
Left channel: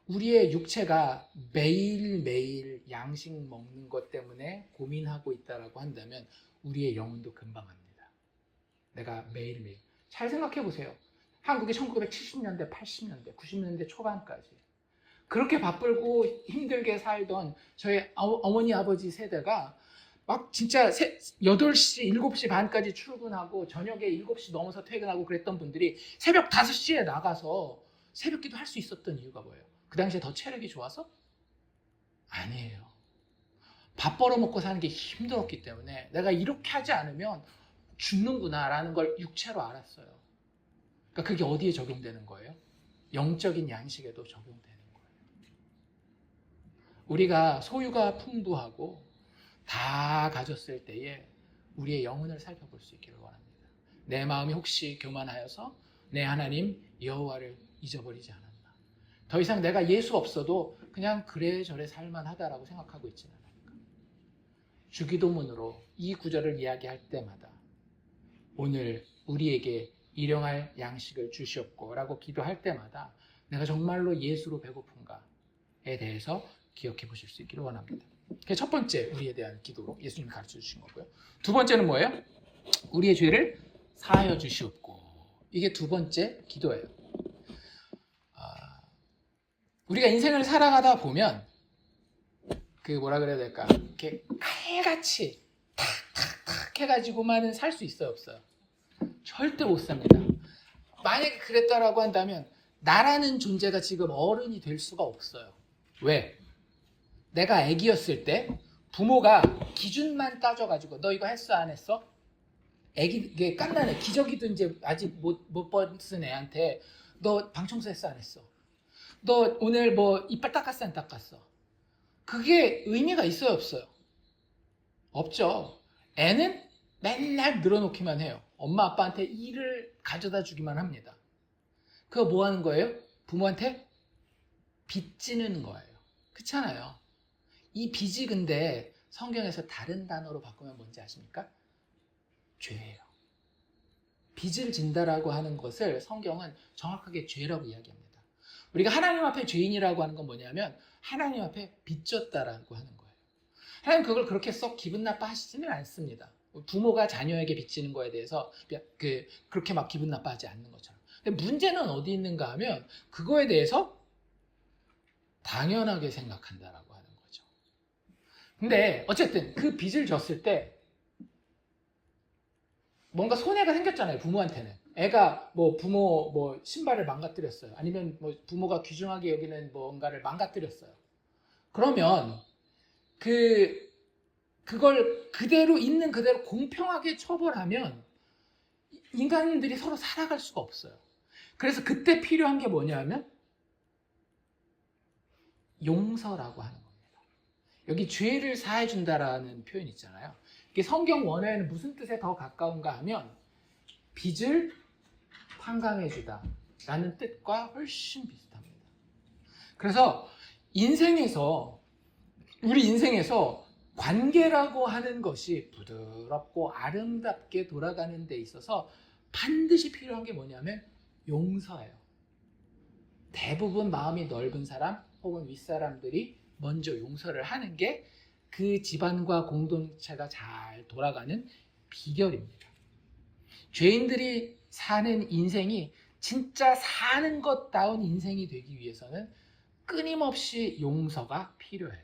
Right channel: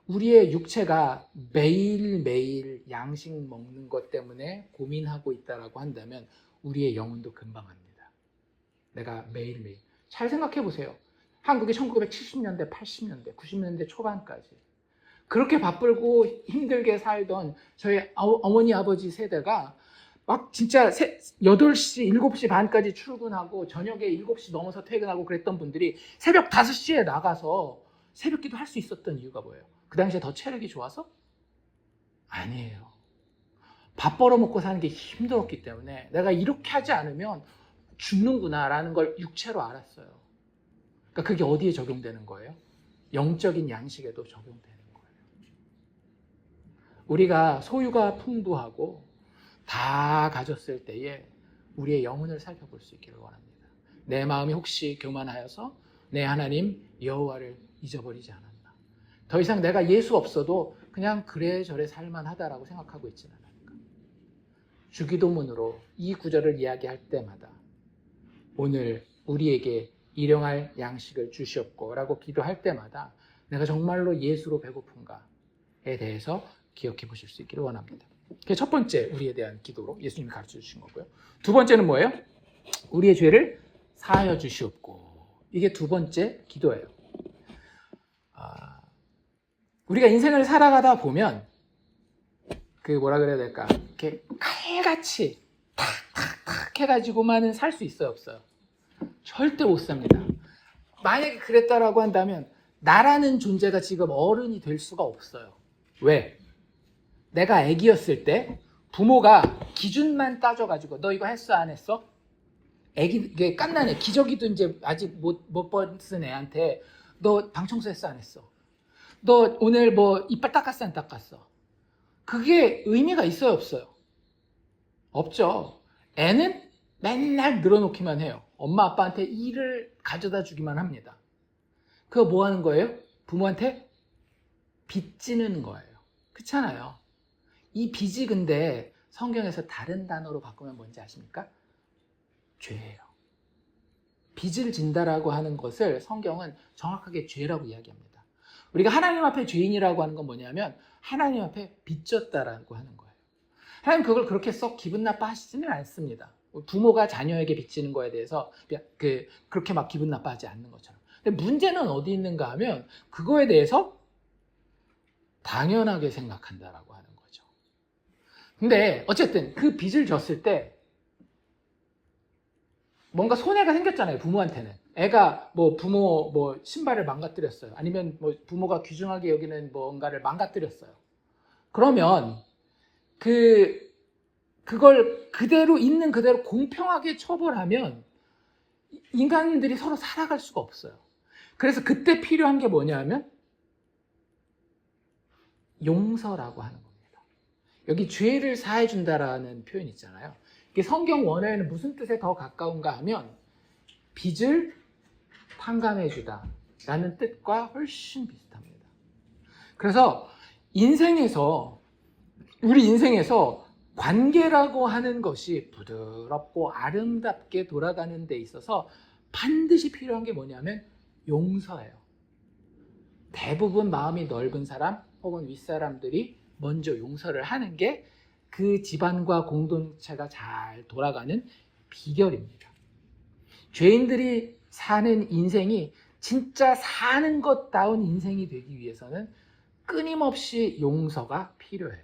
우리의 육체가 매일매일 양식 먹는 것 때문에 고민하고 있다라고 한다면 우리의 영혼도 금방 합니다. 내가 매일매일 잘 생각해 보세요. 한국이 1970년대, 80년대, 90년대 초반까지 그렇게 바쁘고 힘들게 살던 저희 어머니 아버지 세대가 막 진짜 8시, 7시 반까지 출근하고 저녁에 7시 넘어서 퇴근하고 그랬던 분들이 새벽 5시에 나가서 새벽기도 할 수 있었던 이유가 뭐예요? 그 당시에 더 체력이 좋아서? 아니에요. 밥 벌어먹고 사는 게 힘들었기 때문에 내가 이렇게 하지 않으면 죽는구나라는 걸 육체로 알았어요. 그러니까 그게 어디에 적용되는 거예요? 영적인 양식에도 적용되는 거예요. 우리가 소유가 풍부하고 다 가졌을 때에 우리의 영혼을 살펴볼 수 있기를 원합니다. 내 마음이 혹시 교만하여서 내 하나님 여호와를 잊어버리지 않았나. 더 이상 내가 예수 없어도 그냥 그래저래 살만하다라고 생각하고 있지는 않을까. 주기도문으로 이 구절을 이야기할 때마다 오늘 우리에게 일용할 양식을 주시옵고 라고 기도할 때마다 내가 정말로 예수로 배고픈가에 대해서 기억해 보실 수 있기를 원합니다. 그게 첫 번째 우리에 대한 기도로 예수님이 가르쳐 주신 거고요. 두 번째는 뭐예요? 우리의 죄를 사하여 주시옵고. 이게 두 번째 기도예요. 우리가 인생을 살아가다 보면 그 뭐라 그래야 될까? 이렇게 칼같이 탁탁탁 해가지고만은 살 수 있어요, 없어요? 절대 못 삽니다. 만약에 그랬다라고 한다면 나라는 존재가 지금 어른이 될 수가 없어요. 왜? 내가 아기였을 때 부모가 기준만 따져가지고 너 이거 했어 안 했어? 이게 깐난 애, 기저귀도 이제 아직 못 벗은 애한테 너 방청소 했어 안 했어? 너 오늘 뭐 이빨 닦았어 안 닦았어? 그게 의미가 있어요 없어요? 없죠. 애는 맨날 늘어놓기만 해요. 엄마 아빠한테 일을 가져다 주기만 합니다. 그거 뭐 하는 거예요? 부모한테 빚지는 거예요. 그렇잖아요. 이 빚이 근데 성경에서 다른 단어로 바꾸면 뭔지 아십니까? 죄예요. 빚을 진다라고 하는 것을 성경은 정확하게 죄라고 이야기합니다. 우리가 하나님 앞에 죄인이라고 하는 건 뭐냐면 하나님 앞에 빚졌다라고 하는 거예요. 하나님 그걸 그렇게 썩 기분 나빠하시지는 않습니다. 부모가 자녀에게 빚지는 거에 대해서 그렇게 막 기분 나빠하지 않는 것처럼. 근데 문제는 어디 있는가 하면 그거에 대해서 당연하게 생각한다라고 하는 거죠. 근데 어쨌든 그 빚을 졌을 때 뭔가 손해가 생겼잖아요. 부모한테는. 애가 뭐 부모 뭐 신발을 망가뜨렸어요. 아니면 뭐 부모가 귀중하게 여기는 뭔가를 망가뜨렸어요. 그러면 그걸 그대로 있는 그대로 공평하게 처벌하면 인간들이 서로 살아갈 수가 없어요. 그래서 그때 필요한 게 뭐냐면 용서라고 하는 겁니다. 여기 죄를 사해 준다라는 표현이 있잖아요. 이게 성경 원어에는 무슨 뜻에 더 가까운가 하면 빚을 탕감해 주다라는 뜻과 훨씬 비슷합니다. 그래서 인생에서 우리 인생에서 관계라고 하는 것이 부드럽고 아름답게 돌아가는 데 있어서 반드시 필요한 게 뭐냐면 용서예요. 대부분 마음이 넓은 사람 혹은 윗사람들이 먼저 용서를 하는 게 그 집안과 공동체가 잘 돌아가는 비결입니다. 죄인들이 사는 인생이 진짜 사는 것다운 인생이 되기 위해서는 끊임없이 용서가 필요해요.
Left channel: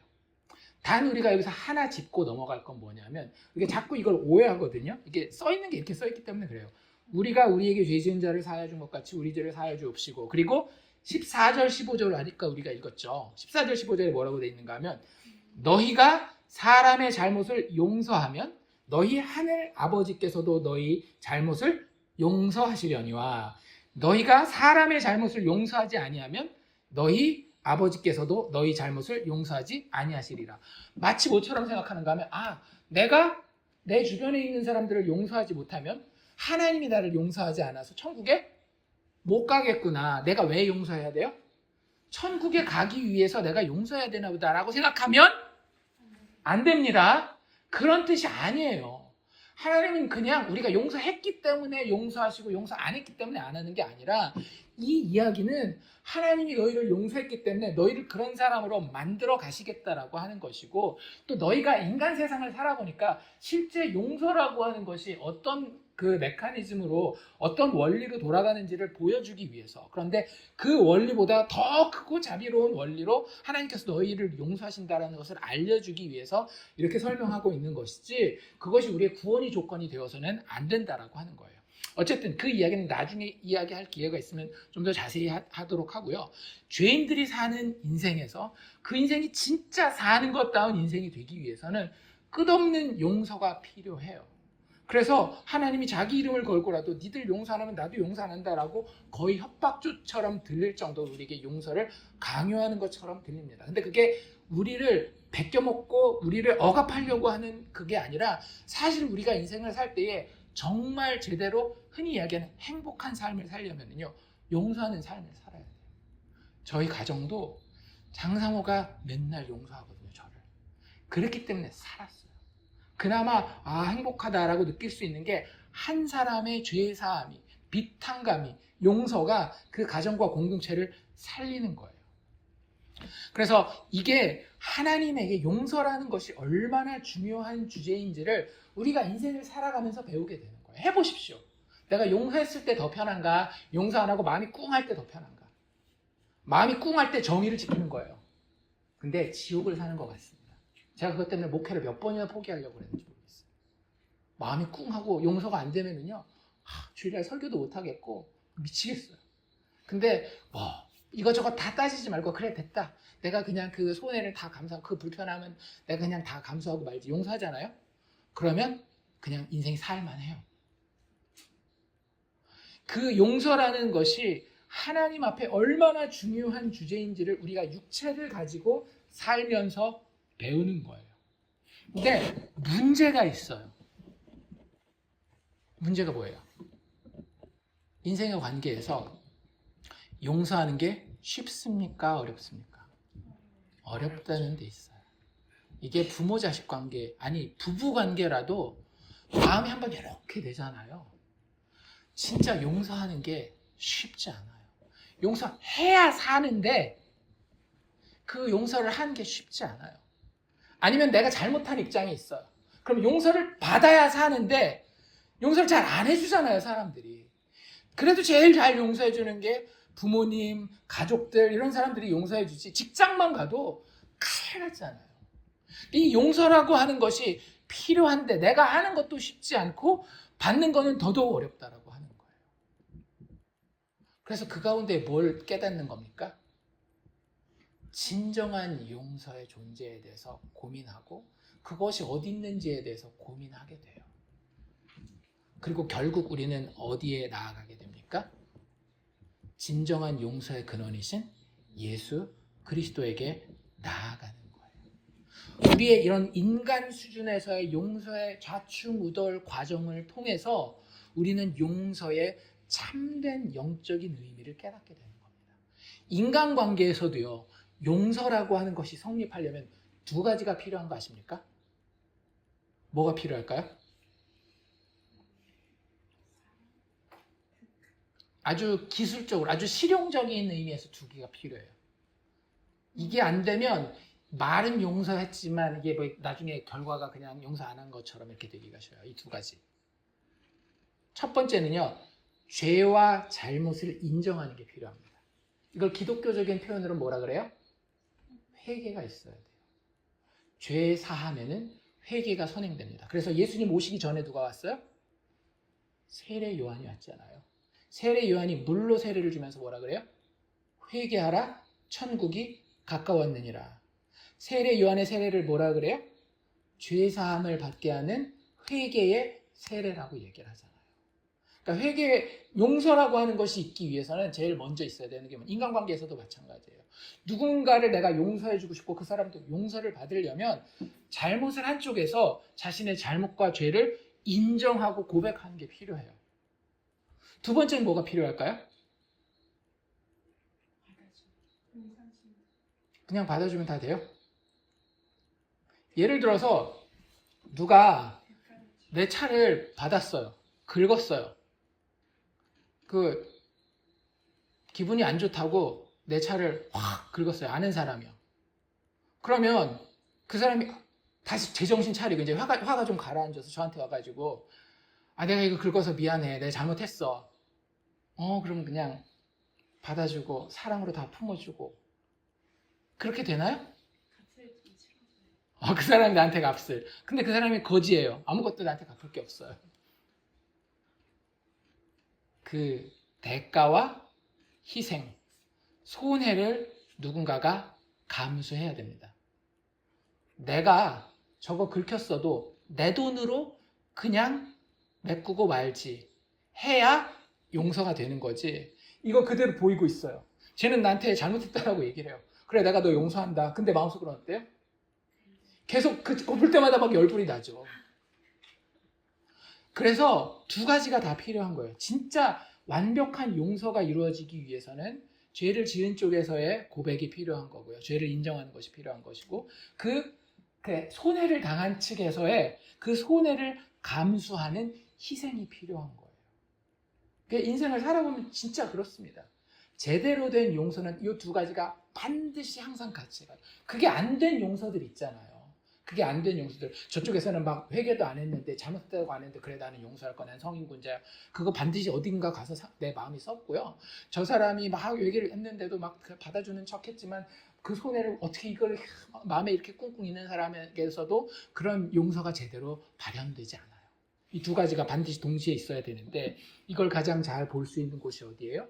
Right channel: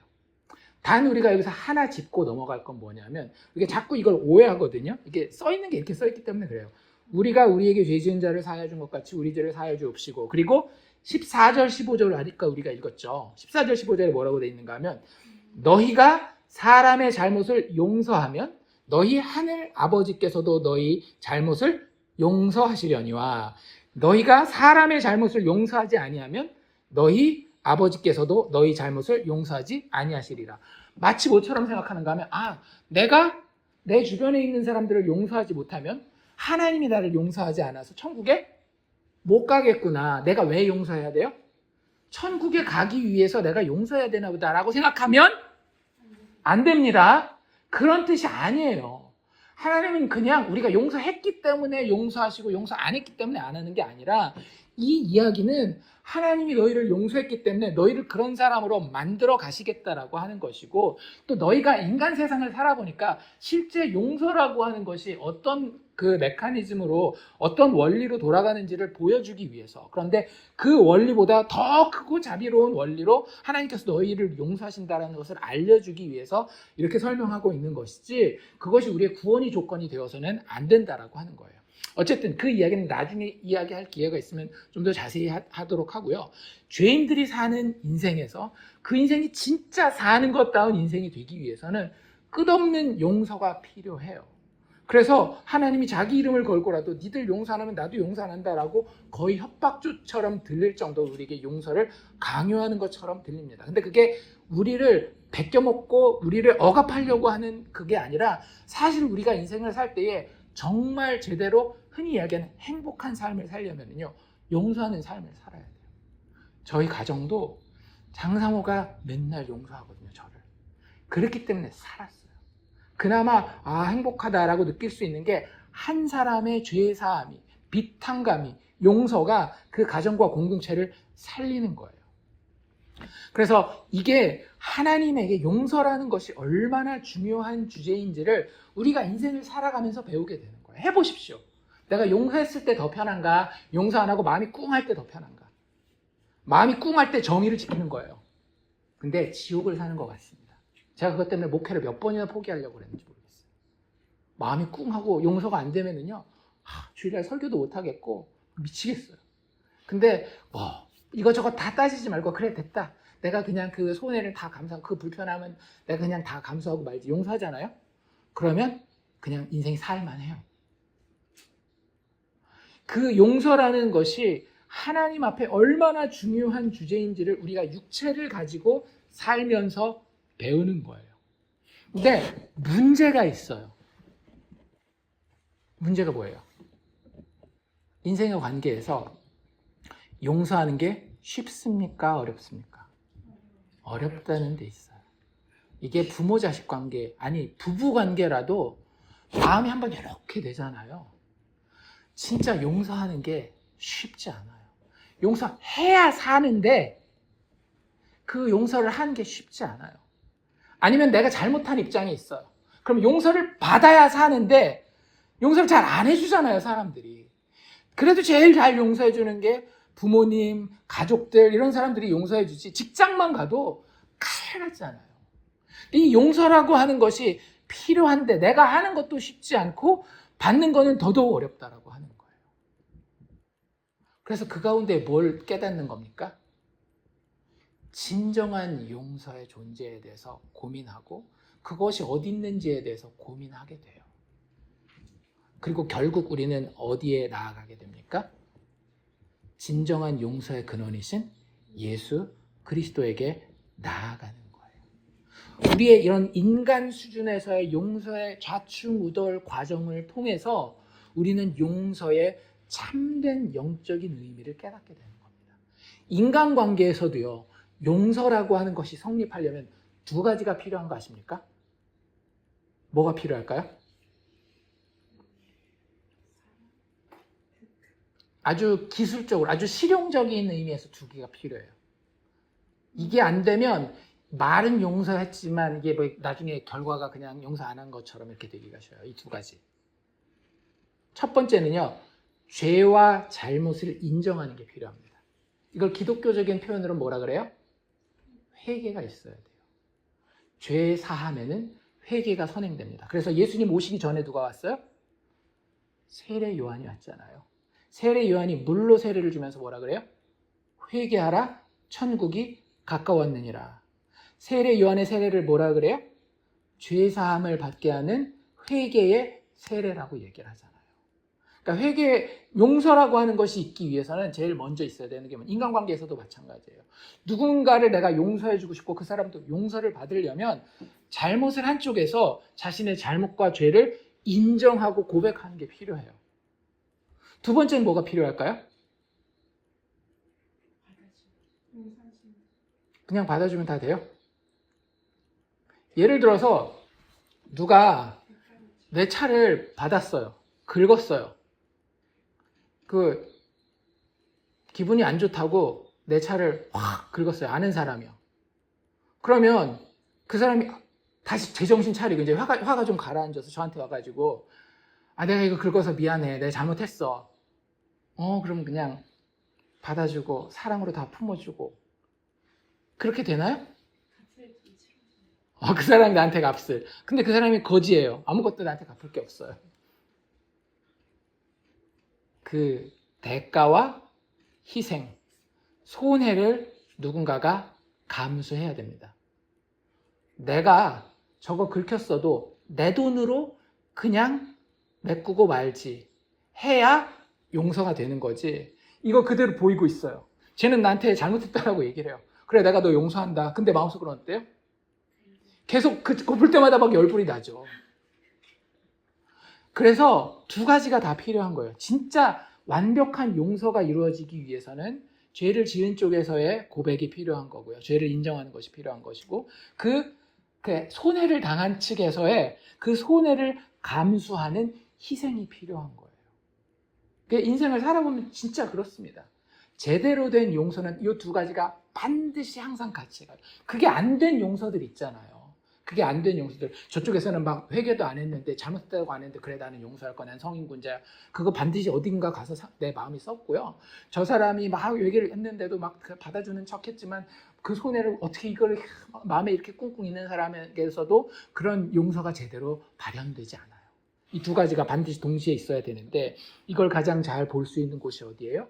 단 우리가 여기서 하나 짚고 넘어갈 건 뭐냐면, 이게 자꾸 이걸 오해하거든요. 이게 써있는 게 이렇게 써있기 때문에 그래요. 우리가 우리에게 죄 지은 자를 사하여 준 것 같이 우리 죄를 사하여 주옵시고, 그리고 14절 15절을 하니까 우리가 읽었죠. 14절 15절에 뭐라고 되어 있는가 하면, 너희가 사람의 잘못을 용서하면 너희 하늘 아버지께서도 너희 잘못을 용서하시려니와, 너희가 사람의 잘못을 용서하지 아니하면 너희 아버지께서도 너희 잘못을 용서하지 아니하시리라. 마치 뭐처럼 생각하는가 하면, 내가 내 주변에 있는 사람들을 용서하지 못하면 하나님이 나를 용서하지 않아서 천국에 못 가겠구나. 내가 왜 용서해야 돼요? 천국에 가기 위해서 내가 용서해야 되나 보다라고 생각하면 안 됩니다. 그런 뜻이 아니에요. 하나님은 그냥 우리가 용서했기 때문에 용서하시고 용서 안 했기 때문에 안 하는 게 아니라, 이 이야기는 하나님이 너희를 용서했기 때문에 너희를 그런 사람으로 만들어 가시겠다라고 하는 것이고, 또 너희가 인간 세상을 살아보니까 실제 용서라고 하는 것이 어떤 그 메커니즘으로, 어떤 원리로 돌아가는지를 보여주기 위해서, 그런데 그 원리보다 더 크고 자비로운 원리로 하나님께서 너희를 용서하신다는 것을 알려주기 위해서 이렇게 설명하고 있는 것이지, 그것이 우리의 구원이 조건이 되어서는 안 된다라고 하는 거예요. 어쨌든 그 이야기는 나중에 이야기할 기회가 있으면 좀 더 자세히 하도록 하고요. 죄인들이 사는 인생에서 그 인생이 진짜 사는 것다운 인생이 되기 위해서는 끝없는 용서가 필요해요. 그래서 하나님이 자기 이름을 걸고라도 니들 용서 안 하면 나도 용서 안 한다라고 거의 협박조처럼 들릴 정도로 우리에게 용서를 강요하는 것처럼 들립니다. 근데 그게 우리를 베껴먹고 우리를 억압하려고 하는 그게 아니라, 사실 우리가 인생을 살 때에 정말 제대로 흔히 이야기하는 행복한 삶을 살려면요, 용서하는 삶을 살아야 돼요. 저희 가정도 장상호가 맨날 용서하거든요, 저를. 그렇기 때문에 살았어요. 그나마 행복하다라고 느낄 수 있는 게, 한 사람의 죄사함이, 비탄감이, 용서가 그 가정과 공동체를 살리는 거예요. 그래서 이게 하나님에게 용서라는 것이 얼마나 중요한 주제인지를 우리가 인생을 살아가면서 배우게 되는 거예요. 해보십시오. 내가 용서했을 때 더 편한가? 용서 안 하고 마음이 꿍할 때 더 편한가? 마음이 꿍할 때 정의를 지키는 거예요. 근데 지옥을 사는 것 같습니다. 제가 그것 때문에 목회를 몇 번이나 포기하려고 그랬는지 모르겠어요. 마음이 꿍하고 용서가 안 되면은요, 주일날 설교도 못 하겠고 미치겠어요. 근데 이것저것 다 따지지 말고, 그래 됐다, 내가 그냥 그 손해를 다 감수하고, 그 불편함은 내가 그냥 다 감수하고 말지, 용서하잖아요. 그러면 그냥 인생이 살만해요. 그 용서라는 것이 하나님 앞에 얼마나 중요한 주제인지를 우리가 육체를 가지고 살면서 배우는 거예요. 근데 문제가 있어요. 문제가 뭐예요? 인생의 관계에서 용서하는 게 쉽습니까? 어렵습니까? 어렵다는 데 있어요. 이게 부모 자식 관계, 아니 부부 관계라도 마음이 한번 이렇게 되잖아요. 진짜 용서하는 게 쉽지 않아요. 용서해야 사는데 그 용서를 하는 게 쉽지 않아요. 아니면 내가 잘못한 입장에 있어요. 그럼 용서를 받아야 사는데 용서를 잘 안 해주잖아요, 사람들이. 그래도 제일 잘 용서해주는 게 부모님, 가족들, 이런 사람들이 용서해주지, 직장만 가도 칼 같잖아요. 이 용서라고 하는 것이 필요한데 내가 하는 것도 쉽지 않고 받는 거는 더더욱 어렵다라고 하는 거예요. 그래서 그 가운데 뭘 깨닫는 겁니까? 진정한 용서의 존재에 대해서 고민하고, 그것이 어디 있는지에 대해서 고민하게 돼요. 그리고 결국 우리는 어디에 나아가게 됩니까? 진정한 용서의 근원이신 예수 그리스도에게 나아가는 거예요. 우리의 이런 인간 수준에서의 용서의 좌충우돌 과정을 통해서 우리는 용서의 참된 영적인 의미를 깨닫게 되는 겁니다. 인간관계에서도요, 용서라고 하는 것이 성립하려면 두 가지가 필요한 거 아십니까? 뭐가 필요할까요? 아주 기술적으로, 아주 실용적인 의미에서 두 개가 필요해요. 이게 안 되면 말은 용서했지만 이게 뭐 나중에 결과가 그냥 용서 안 한 것처럼 이렇게 되기가 쉬워요. 이 두 가지. 첫 번째는요, 죄와 잘못을 인정하는 게 필요합니다. 이걸 기독교적인 표현으로 뭐라 그래요? 회개가 있어야 돼요. 죄 사하면은 회개가 선행됩니다. 그래서 예수님 오시기 전에 누가 왔어요? 세례 요한이 왔잖아요. 세례 요한이 물로 세례를 주면서 뭐라 그래요? 회개하라, 천국이 가까웠느니라. 세례 요한의 세례를 뭐라 그래요? 죄 사함을 받게 하는 회개의 세례라고 얘기를 하잖아요. 그러니까 회개, 용서라고 하는 것이 있기 위해서는 제일 먼저 있어야 되는 게 인간관계에서도 마찬가지예요. 누군가를 내가 용서해주고 싶고 그 사람도 용서를 받으려면 잘못을 한 쪽에서 자신의 잘못과 죄를 인정하고 고백하는 게 필요해요. 두 번째는 뭐가 필요할까요? 그냥 받아주면 다 돼요? 예를 들어서 누가 내 차를 받았어요. 긁었어요. 기분이 안 좋다고 내 차를 확 긁었어요. 아는 사람이요. 그러면 그 사람이 다시 제정신 차리고 이제 화가 좀 가라앉아서 저한테 와가지고 내가 이거 긁어서 미안해. 내가 잘못했어. 그럼 그냥 받아주고 사랑으로 다 품어주고 그렇게 되나요? 그 사람이 나한테 갚을. 근데 그 사람이 거지예요. 아무것도 나한테 갚을 게 없어요. 그 대가와 희생, 손해를 누군가가 감수해야 됩니다. 내가 저거 긁혔어도 내 돈으로 그냥 메꾸고 말지 해야 용서가 되는 거지. 이거 그대로 보이고 있어요. 쟤는 나한테 잘못했다라고 얘기를 해요. 그래, 내가 너 용서한다. 근데 마음속으로 어때요? 계속 그거 볼 때마다 막 열불이 나죠. 그래서 두 가지가 다 필요한 거예요. 진짜 완벽한 용서가 이루어지기 위해서는 죄를 지은 쪽에서의 고백이 필요한 거고요. 죄를 인정하는 것이 필요한 것이고 그 손해를 당한 측에서의 그 손해를 감수하는 희생이 필요한 거예요. 인생을 살아보면 진짜 그렇습니다. 제대로 된 용서는 이 두 가지가 반드시 항상 같이 가요. 그게 안 된 용서들 있잖아요. 그게 안 된 용서들. 저쪽에서는 막 회개도 안 했는데 잘못했다고 안 했는데 그래 나는 용서할 거야. 난 성인군자야. 그거 반드시 어딘가 가서 내 마음이 썩고요. 저 사람이 막 얘기를 했는데도 막 받아주는 척했지만 그 손해를 어떻게 이걸 마음에 이렇게 꿍꿍 있는 사람에게서도 그런 용서가 제대로 발현되지 않아요. 이 두 가지가 반드시 동시에 있어야 되는데 이걸 가장 잘 볼 수 있는 곳이 어디예요?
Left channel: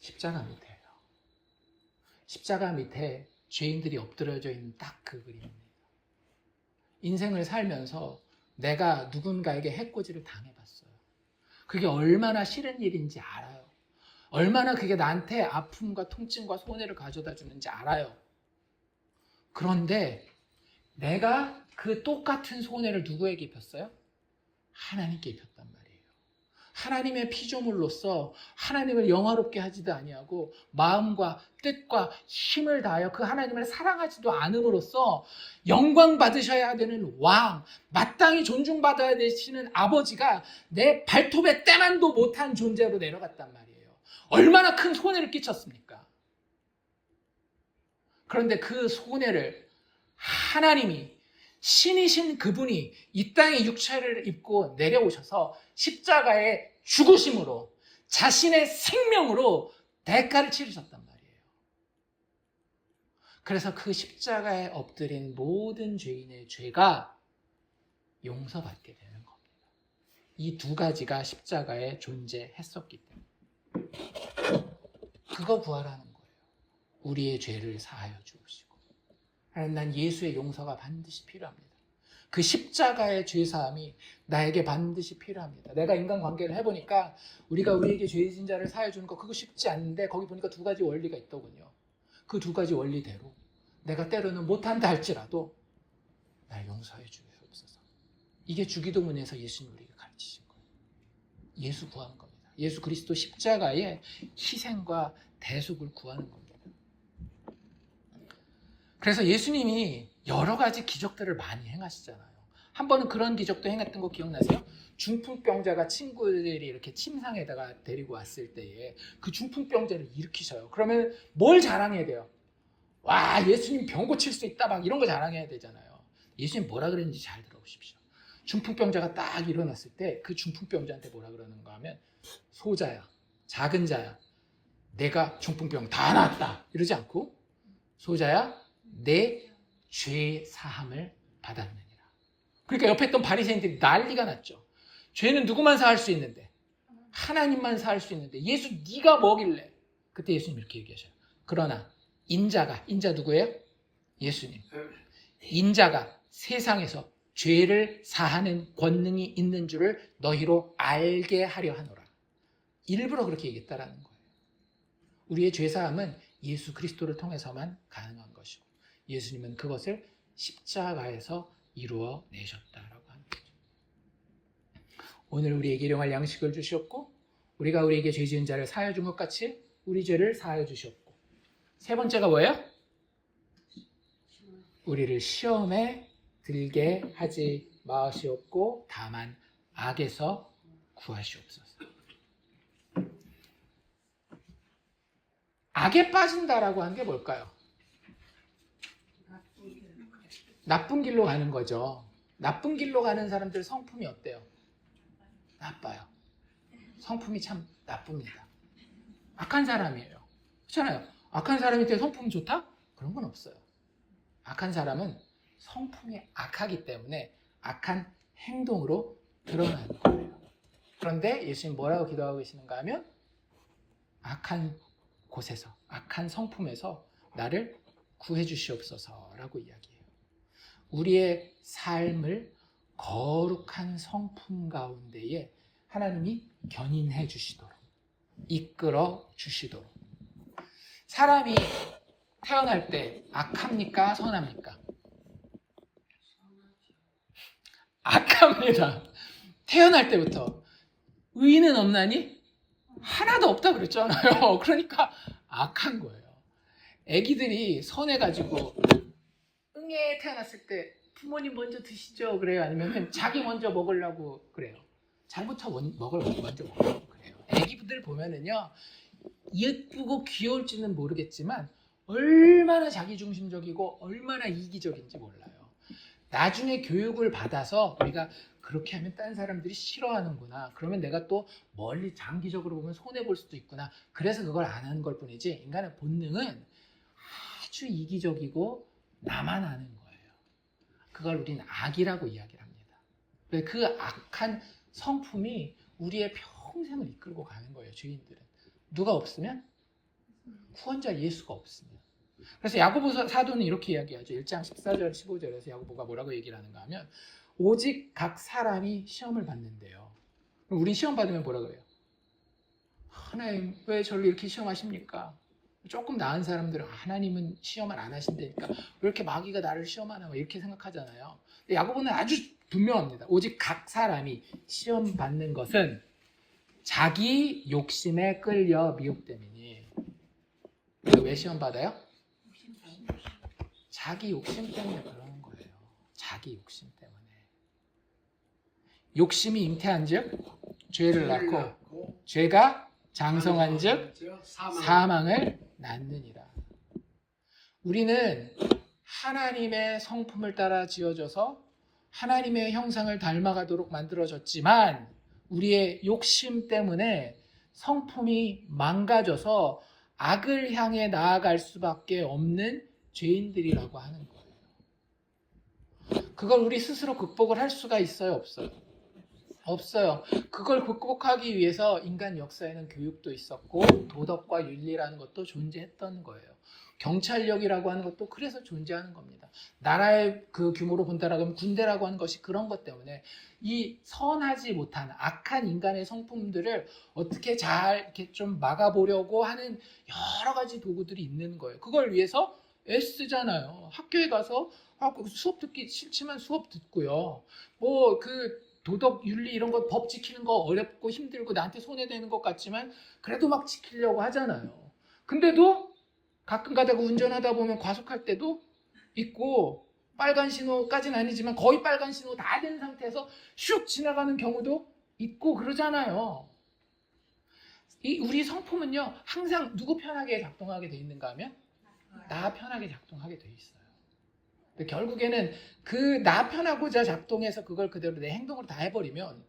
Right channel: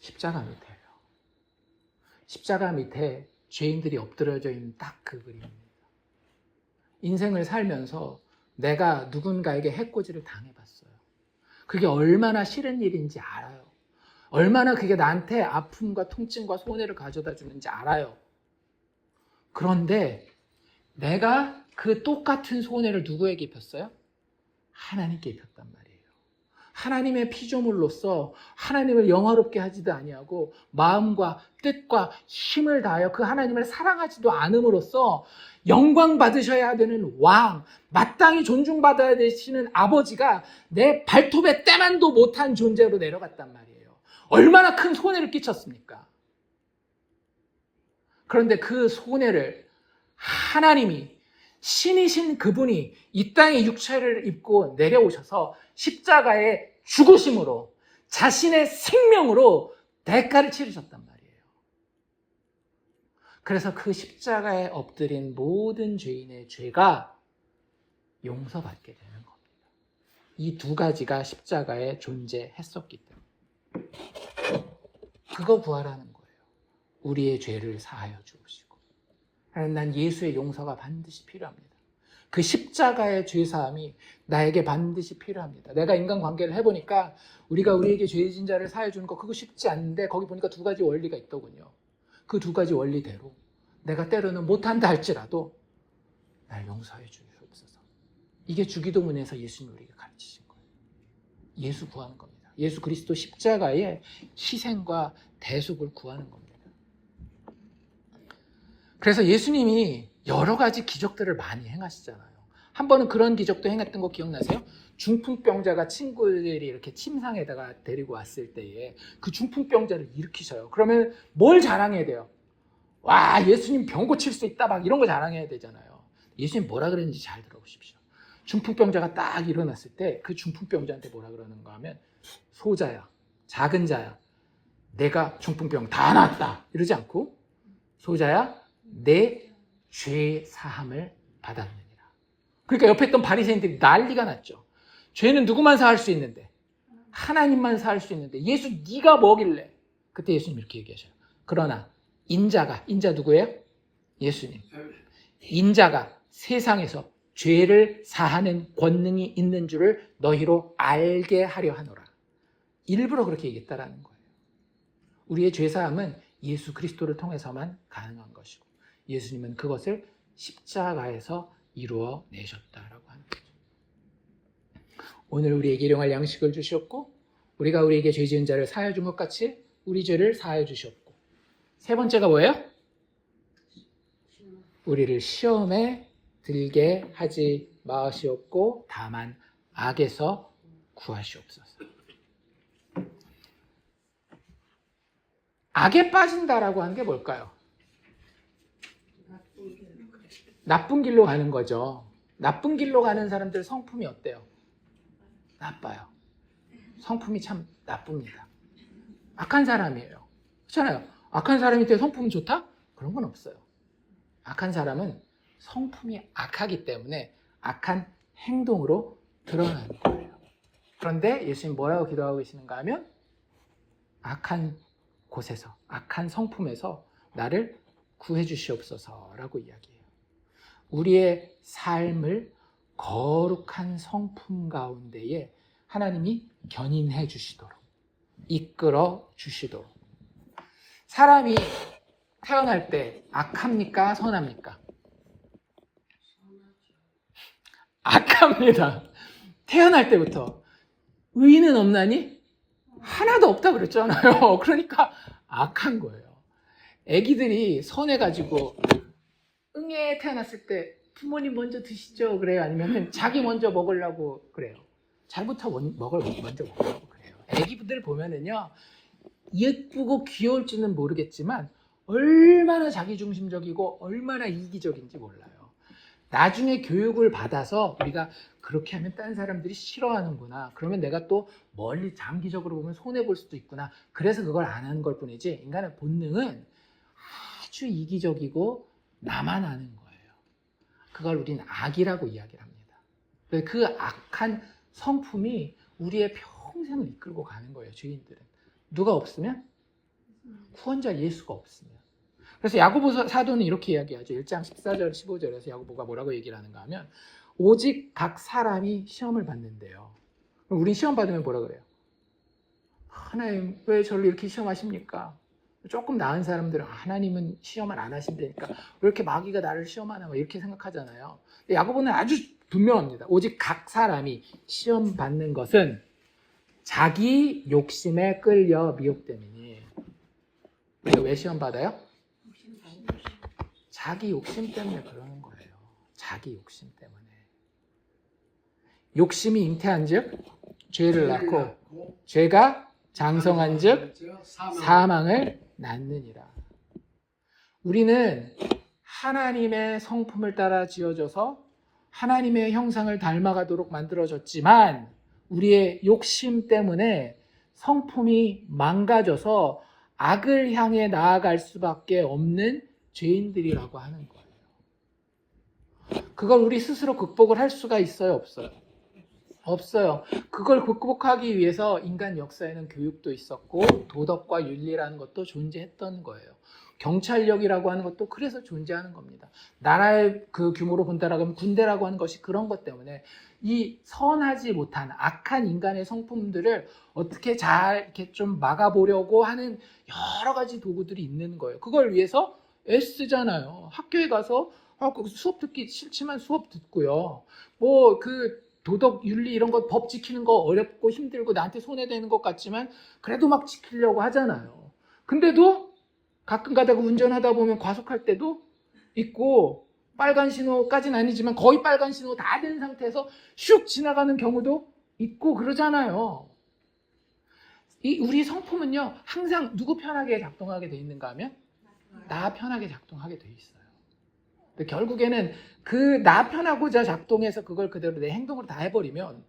십자가 밑에예요. 십자가 밑에 죄인들이 엎드려져 있는 딱 그 그림입니다. 인생을 살면서 내가 누군가에게 해코지를 당해봤어요. 그게 얼마나 싫은 일인지 알아요. 얼마나 그게 나한테 아픔과 통증과 손해를 가져다 주는지 알아요. 그런데 내가 그 똑같은 손해를 누구에게 입혔어요? 하나님께 입혔단 말이에요. 하나님의 피조물로서 하나님을 영화롭게 하지도 아니하고 마음과 뜻과 힘을 다하여 그 하나님을 사랑하지도 않음으로써 영광 받으셔야 되는 왕, 마땅히 존중받아야 되시는 아버지가 내 발톱에 때만도 못한 존재로 내려갔단 말이에요. 얼마나 큰 손해를 끼쳤습니까? 그런데 그 손해를 하나님이 신이신 그분이 이 땅에 육체를 입고 내려오셔서 십자가의 죽으심으로 자신의 생명으로 대가를 치르셨단 말이에요. 그래서 그 십자가에 엎드린 모든 죄인의 죄가 용서받게 되는 겁니다. 이 두 가지가 십자가에 존재했었기 때문에 그거 부활하는 거예요. 우리의 죄를 사하여 주시고 난 예수의 용서가 반드시 필요합니다. 그 십자가의 죄사함이 나에게 반드시 필요합니다. 내가 인간관계를 해보니까 우리가 우리에게 죄진 자를 사해 주는 거 그거 쉽지 않은데 거기 보니까 두 가지 원리가 있더군요. 그 두 가지 원리대로 내가 때로는 못한다 할지라도 날 용서해 주옵소서. 이게 주기도문에서 예수님이 우리에게 가르치신 거예요. 예수 구하는 겁니다. 예수 그리스도 십자가의 희생과 대속을 구하는 겁니다. 그래서 예수님이 여러 가지 기적들을 많이 행하시잖아요. 한 번은 그런 기적도 행했던 거 기억나세요? 중풍병자가 친구들이 이렇게 침상에다가 데리고 왔을 때에 그 중풍병자를 일으키셔요. 그러면 뭘 자랑해야 돼요? 와, 예수님 병 고칠 수 있다, 막 이런 거 자랑해야 되잖아요. 예수님 뭐라 그랬는지 잘 들어보십시오. 중풍병자가 딱 일어났을 때 그 중풍병자한테 뭐라 그러는가 하면, 소자야, 작은 자야, 내가 중풍병 다 낫다 이러지 않고, 소자야, 내 죄 사함을 받았느니라. 그러니까 옆에 있던 바리새인들이 난리가 났죠. 죄는 누구만 사할 수 있는데, 하나님만 사할 수 있는데 예수 네가 뭐길래. 그때 예수님 이렇게 얘기하셔요. 그러나 인자 누구예요? 예수님. 인자가 세상에서 죄를 사하는 권능이 있는 줄을 너희로 알게 하려 하노라. 일부러 그렇게 얘기했다라는 거예요. 우리의 죄사함은 예수 그리스도를 통해서만 가능한 것이고, 예수님은 그것을 십자가에서 이루어 내셨다라고 하는 거죠. 오늘 우리에게 일용할 양식을 주셨고, 우리가 우리에게 죄 지은 자를 사하여 준 것 같이 우리 죄를 사하여 주셨고, 세 번째가 뭐예요? 우리를 시험에 들게 하지 마시옵고 다만 악에서 구하시옵소서. 악에 빠진다라고 하는 게 뭘까요? 나쁜 길로 가는 거죠. 나쁜 길로 가는 사람들 성품이 어때요? 나빠요. 성품이 참 나쁩니다. 악한 사람이에요. 그렇잖아요. 악한 사람이 되게 성품이 좋다? 그런 건 없어요. 악한 사람은 성품이 악하기 때문에 악한 행동으로 드러나는 거예요. 그런데 예수님 뭐라고 기도하고 계시는가 하면, 악한 곳에서, 악한 성품에서 나를 구해 주시옵소서라고 이야기해요. 우리의 삶을 거룩한 성품 가운데에 하나님이 견인해 주시도록, 이끌어 주시도록. 사람이 태어날 때 악합니까? 선합니까? 악합니다. 태어날 때부터. 의인은 없나니? 하나도 없다 그랬잖아요. 그러니까 악한 거예요. 애기들이 선해가지고 응애 태어났을 때 부모님 먼저 드시죠 그래요? 아니면 자기 먼저 먹으려고 그래요? 자기부터 먼저 먹으려고 그래요. 애기들 보면은요, 예쁘고 귀여울지는 모르겠지만 얼마나 자기중심적이고 얼마나 이기적인지 몰라요. 나중에 교육을 받아서 우리가 그렇게 하면 딴 사람들이 싫어하는구나, 그러면 내가 또 멀리 장기적으로 보면 손해볼 수도 있구나, 그래서 그걸 안 하는 걸 뿐이지, 인간의 본능은 아주 이기적이고 나만 아는 거예요. 그걸 우리는 악이라고 이야기를 합니다. 그 악한 성품이 우리의 평생을 이끌고 가는 거예요. 죄인들은 누가 없으면, 구원자 예수가 없으면. 그래서 야고보 사도는 이렇게 이야기하죠. 1장 14절 15절에서 야고보가 뭐라고 얘기를 하는가 하면, 오직 각 사람이 시험을 받는데요. 우린 시험 받으면 뭐라 그래요? 하나님 왜 저를 이렇게 시험하십니까? 조금 나은 사람들은 하나님은 시험을 안 하신다니까 왜 이렇게 마귀가 나를 시험하나 이렇게 생각하잖아요. 근데 야고보는 아주 분명합니다. 오직 각 사람이 시험 받는 것은 자기 욕심에 끌려 미혹됨이니. 왜 시험 받아요? 자기 욕심 때문에 그러는 거예요. 자기 욕심 때문에. 욕심이 잉태한 즉 죄를 낳고, 죄가 장성한 즉 사망을 낳느니라. 우리는 하나님의 성품을 따라 지어져서 하나님의 형상을 닮아가도록 만들어졌지만, 우리의 욕심 때문에 성품이 망가져서 악을 향해 나아갈 수밖에 없는 죄인들이라고 하는 거예요. 그걸 우리 스스로 극복을 할 수가 있어요? 없어요? 없어요. 그걸 극복하기 위해서 인간 역사에는 교육도 있었고 도덕과 윤리라는 것도 존재했던 거예요. 경찰력이라고 하는 것도 그래서 존재하는 겁니다. 나라의 그 규모로 본다라고 하면 군대라고 하는 것이 그런 것 때문에 이 선하지 못한 악한 인간의 성품들을 어떻게 잘 이렇게 좀 막아보려고 하는 여러 가지 도구들이 있는 거예요. 그걸 위해서 애쓰잖아요. 학교에 가서 수업 듣기 싫지만 수업 듣고요. 뭐 그 도덕, 윤리 이런 거 법 지키는 거 어렵고 힘들고 나한테 손해되는 것 같지만 그래도 막 지키려고 하잖아요. 근데도 가끔 가다가 운전하다 보면 과속할 때도 있고 빨간 신호까지는 아니지만 거의 빨간 신호 다 된 상태에서 슉 지나가는 경우도 있고 그러잖아요. 우리 성품은요, 항상 누구 편하게 작동하게 돼 있는가 하면 나 편하게 작동하게 돼 있어요. 근데 결국에는 그 나 편하고자 작동해서 그걸 그대로 내 행동으로 다 해버리면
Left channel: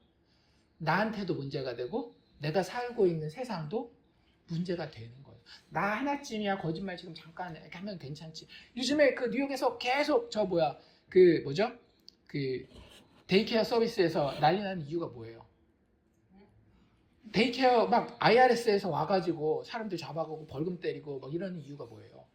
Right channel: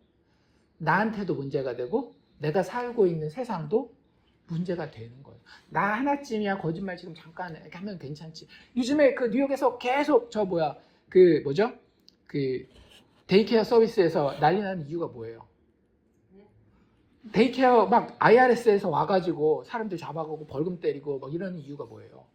나한테도 문제가 되고 내가 살고 있는 세상도 문제가 되는 거예요. 나 하나쯤이야 거짓말 지금 잠깐 이렇게 하면 괜찮지. 요즘에 그 뉴욕에서 계속 그 데이케어 서비스에서 난리 나는 이유가 뭐예요? 데이케어 막 IRS에서 와가지고 사람들 잡아가고 벌금 때리고 막 이러는 이유가 뭐예요?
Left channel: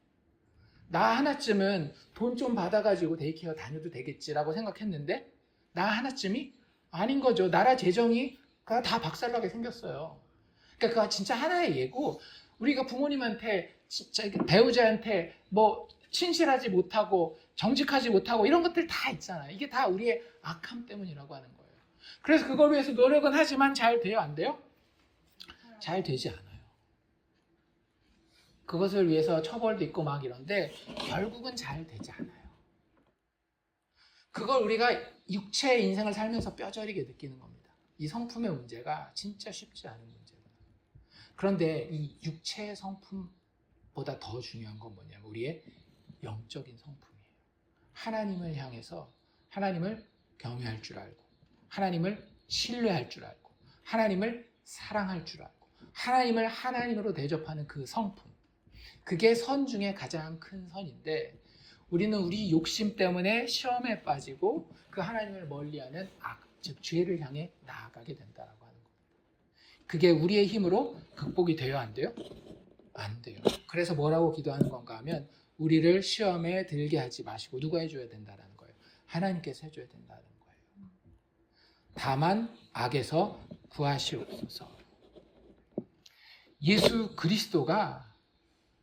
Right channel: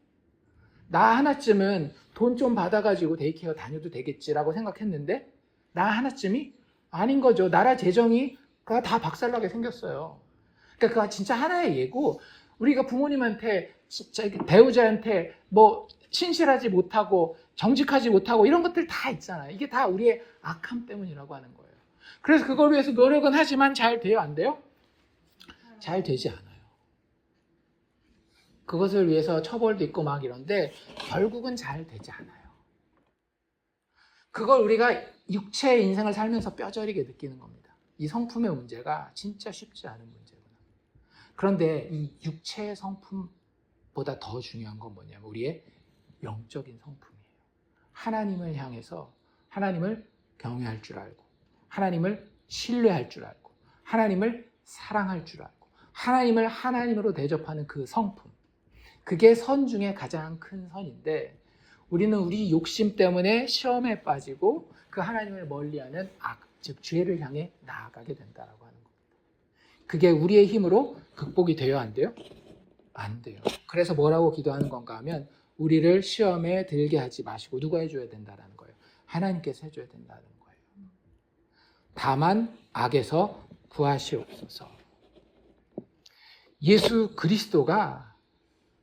나 하나쯤은 돈 좀 받아가지고 데이케어 다녀도 되겠지라고 생각했는데 나 하나쯤이 아닌 거죠. 나라 재정이 다 박살나게 생겼어요. 그러니까 그거 진짜 하나의 예고, 우리가 부모님한테 진짜 배우자한테 뭐 신실하지 못하고 정직하지 못하고 이런 것들 다 있잖아요. 이게 다 우리의 악함 때문이라고 하는 거예요. 그래서 그걸 위해서 노력은 하지만 잘 돼요? 안 돼요? 잘 되지 않아요. 그것을 위해서 처벌도 있고 막 이런데 결국은 잘 되지 않아요. 그걸 우리가 육체의 인생을 살면서 뼈저리게 느끼는 겁니다. 이 성품의 문제가 진짜 쉽지 않은 문제구나. 그런데 이 육체의 성품보다 더 중요한 건 뭐냐면 우리의 영적인 성품이에요. 하나님을 향해서 하나님을 경외할 줄 알고 하나님을 신뢰할 줄 알고 하나님을 사랑할 줄 알고 하나님을 하나님으로 대접하는 그 성품, 그게 선 중에 가장 큰 선인데 우리는 우리 욕심 때문에 시험에 빠지고 그 하나님을 멀리하는 악, 즉 죄를 향해 나아가게 된다라고 하는 겁니다. 그게 우리의 힘으로 극복이 돼요? 안 돼요? 안 돼요. 그래서 뭐라고 기도하는 건가 하면 우리를 시험에 들게 하지 마시고 누가 해줘야 된다라는 거예요. 하나님께서 해줘야 된다는 거예요. 다만 악에서 구하시옵소서. 예수 그리스도가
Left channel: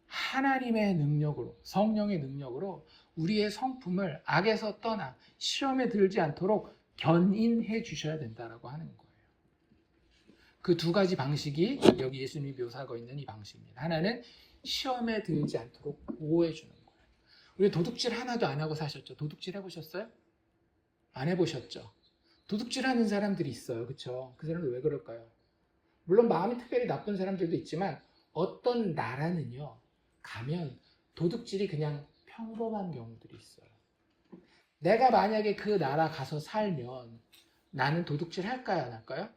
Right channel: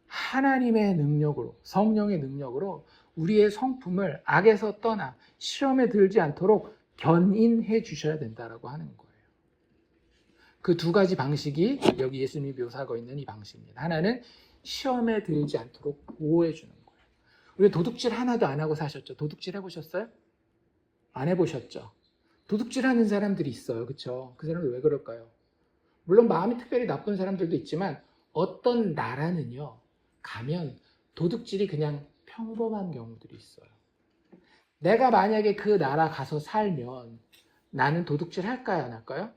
하나님의 능력으로, 성령의 능력으로 우리의 성품을 악에서 떠나 시험에 들지 않도록 견인해 주셔야 된다라고 하는 거예요. 그 두 가지 방식이 여기 예수님이 묘사하고 있는 이 방식입니다. 하나는 시험에 들지 않도록 보호해 주는 거예요. 우리 도둑질 하나도 안 하고 사셨죠? 도둑질 해보셨어요? 안 해보셨죠? 도둑질 하는 사람들이 있어요. 그렇죠? 그 사람들 왜 그럴까요? 물론 마음이 특별히 나쁜 사람들도 있지만 어떤 나라는요, 가면 도둑질이 그냥 평범한 경우들이 있어요. 내가 만약에 그 나라 가서 살면 나는 도둑질 할까요? 안 할까요?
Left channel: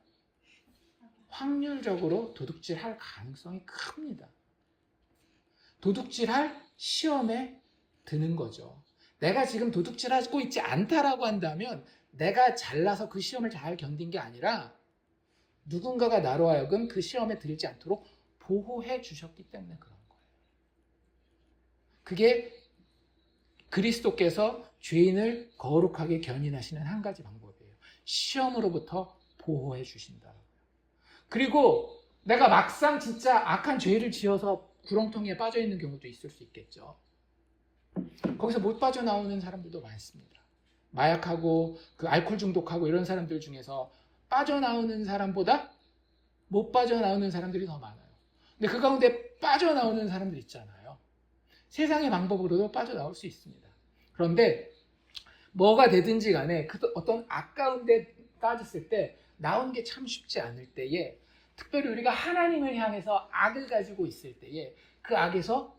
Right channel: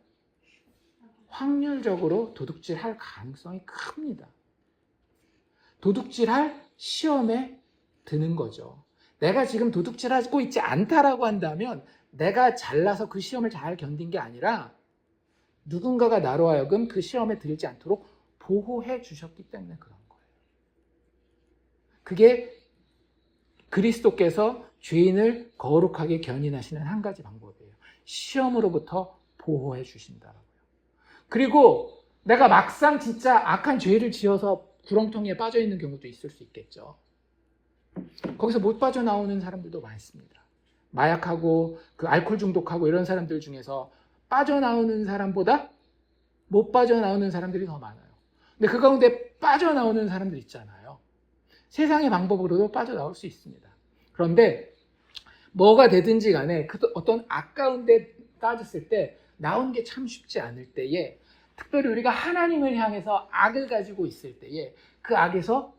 확률적으로 도둑질 할 가능성이 큽니다. 도둑질 할 시험에 드는 거죠. 내가 지금 도둑질 하고 있지 않다라고 한다면 내가 잘나서 그 시험을 잘 견딘 게 아니라 누군가가 나로 하여금 그 시험에 들지 않도록 보호해 주셨기 때문에 그런 거예요. 그게 그리스도께서 죄인을 거룩하게 견인하시는 한 가지 방법이에요. 시험으로부터 보호해 주신다라고요. 그리고 내가 막상 진짜 악한 죄를 지어서 구렁텅이에 빠져 있는 경우도 있을 수 있겠죠. 거기서 못 빠져나오는 사람들도 많습니다. 마약하고 그 알코올 중독하고 이런 사람들 중에서 빠져나오는 사람보다 못 빠져나오는 사람들이 더 많아요. 근데 그 가운데 빠져나오는 사람들 있잖아요. 세상의 방법으로도 빠져나올 수 있습니다. 그런데 뭐가 되든지 간에 그 어떤 악 가운데 빠졌을 때 나오는 게 참 쉽지 않을 때에, 특별히 우리가 하나님을 향해서 악을 가지고 있을 때에 그 악에서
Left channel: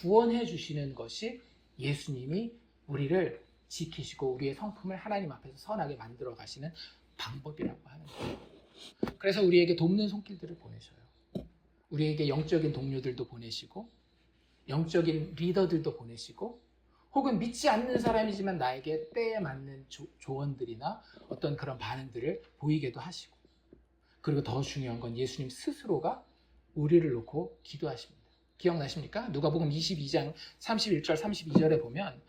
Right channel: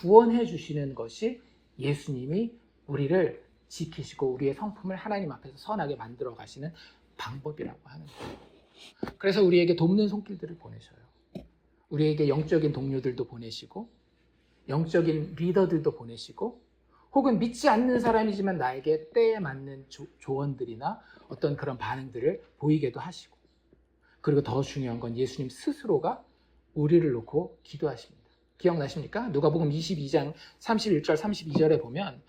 구원해 주시는 것이 예수님이 우리를 지키시고 우리의 성품을 하나님 앞에서 선하게 만들어 가시는 방법이라고 하는 거예요. 그래서 우리에게 돕는 손길들을 보내셔요. 우리에게 영적인 동료들도 보내시고 영적인 리더들도 보내시고 혹은 믿지 않는 사람이지만 나에게 때에 맞는 조언들이나 어떤 그런 반응들을 보이게도 하시고, 그리고 더 중요한 건 예수님 스스로가 우리를 놓고 기도하십니다. 기억나십니까? 누가복음 22장 31절 32절에 보면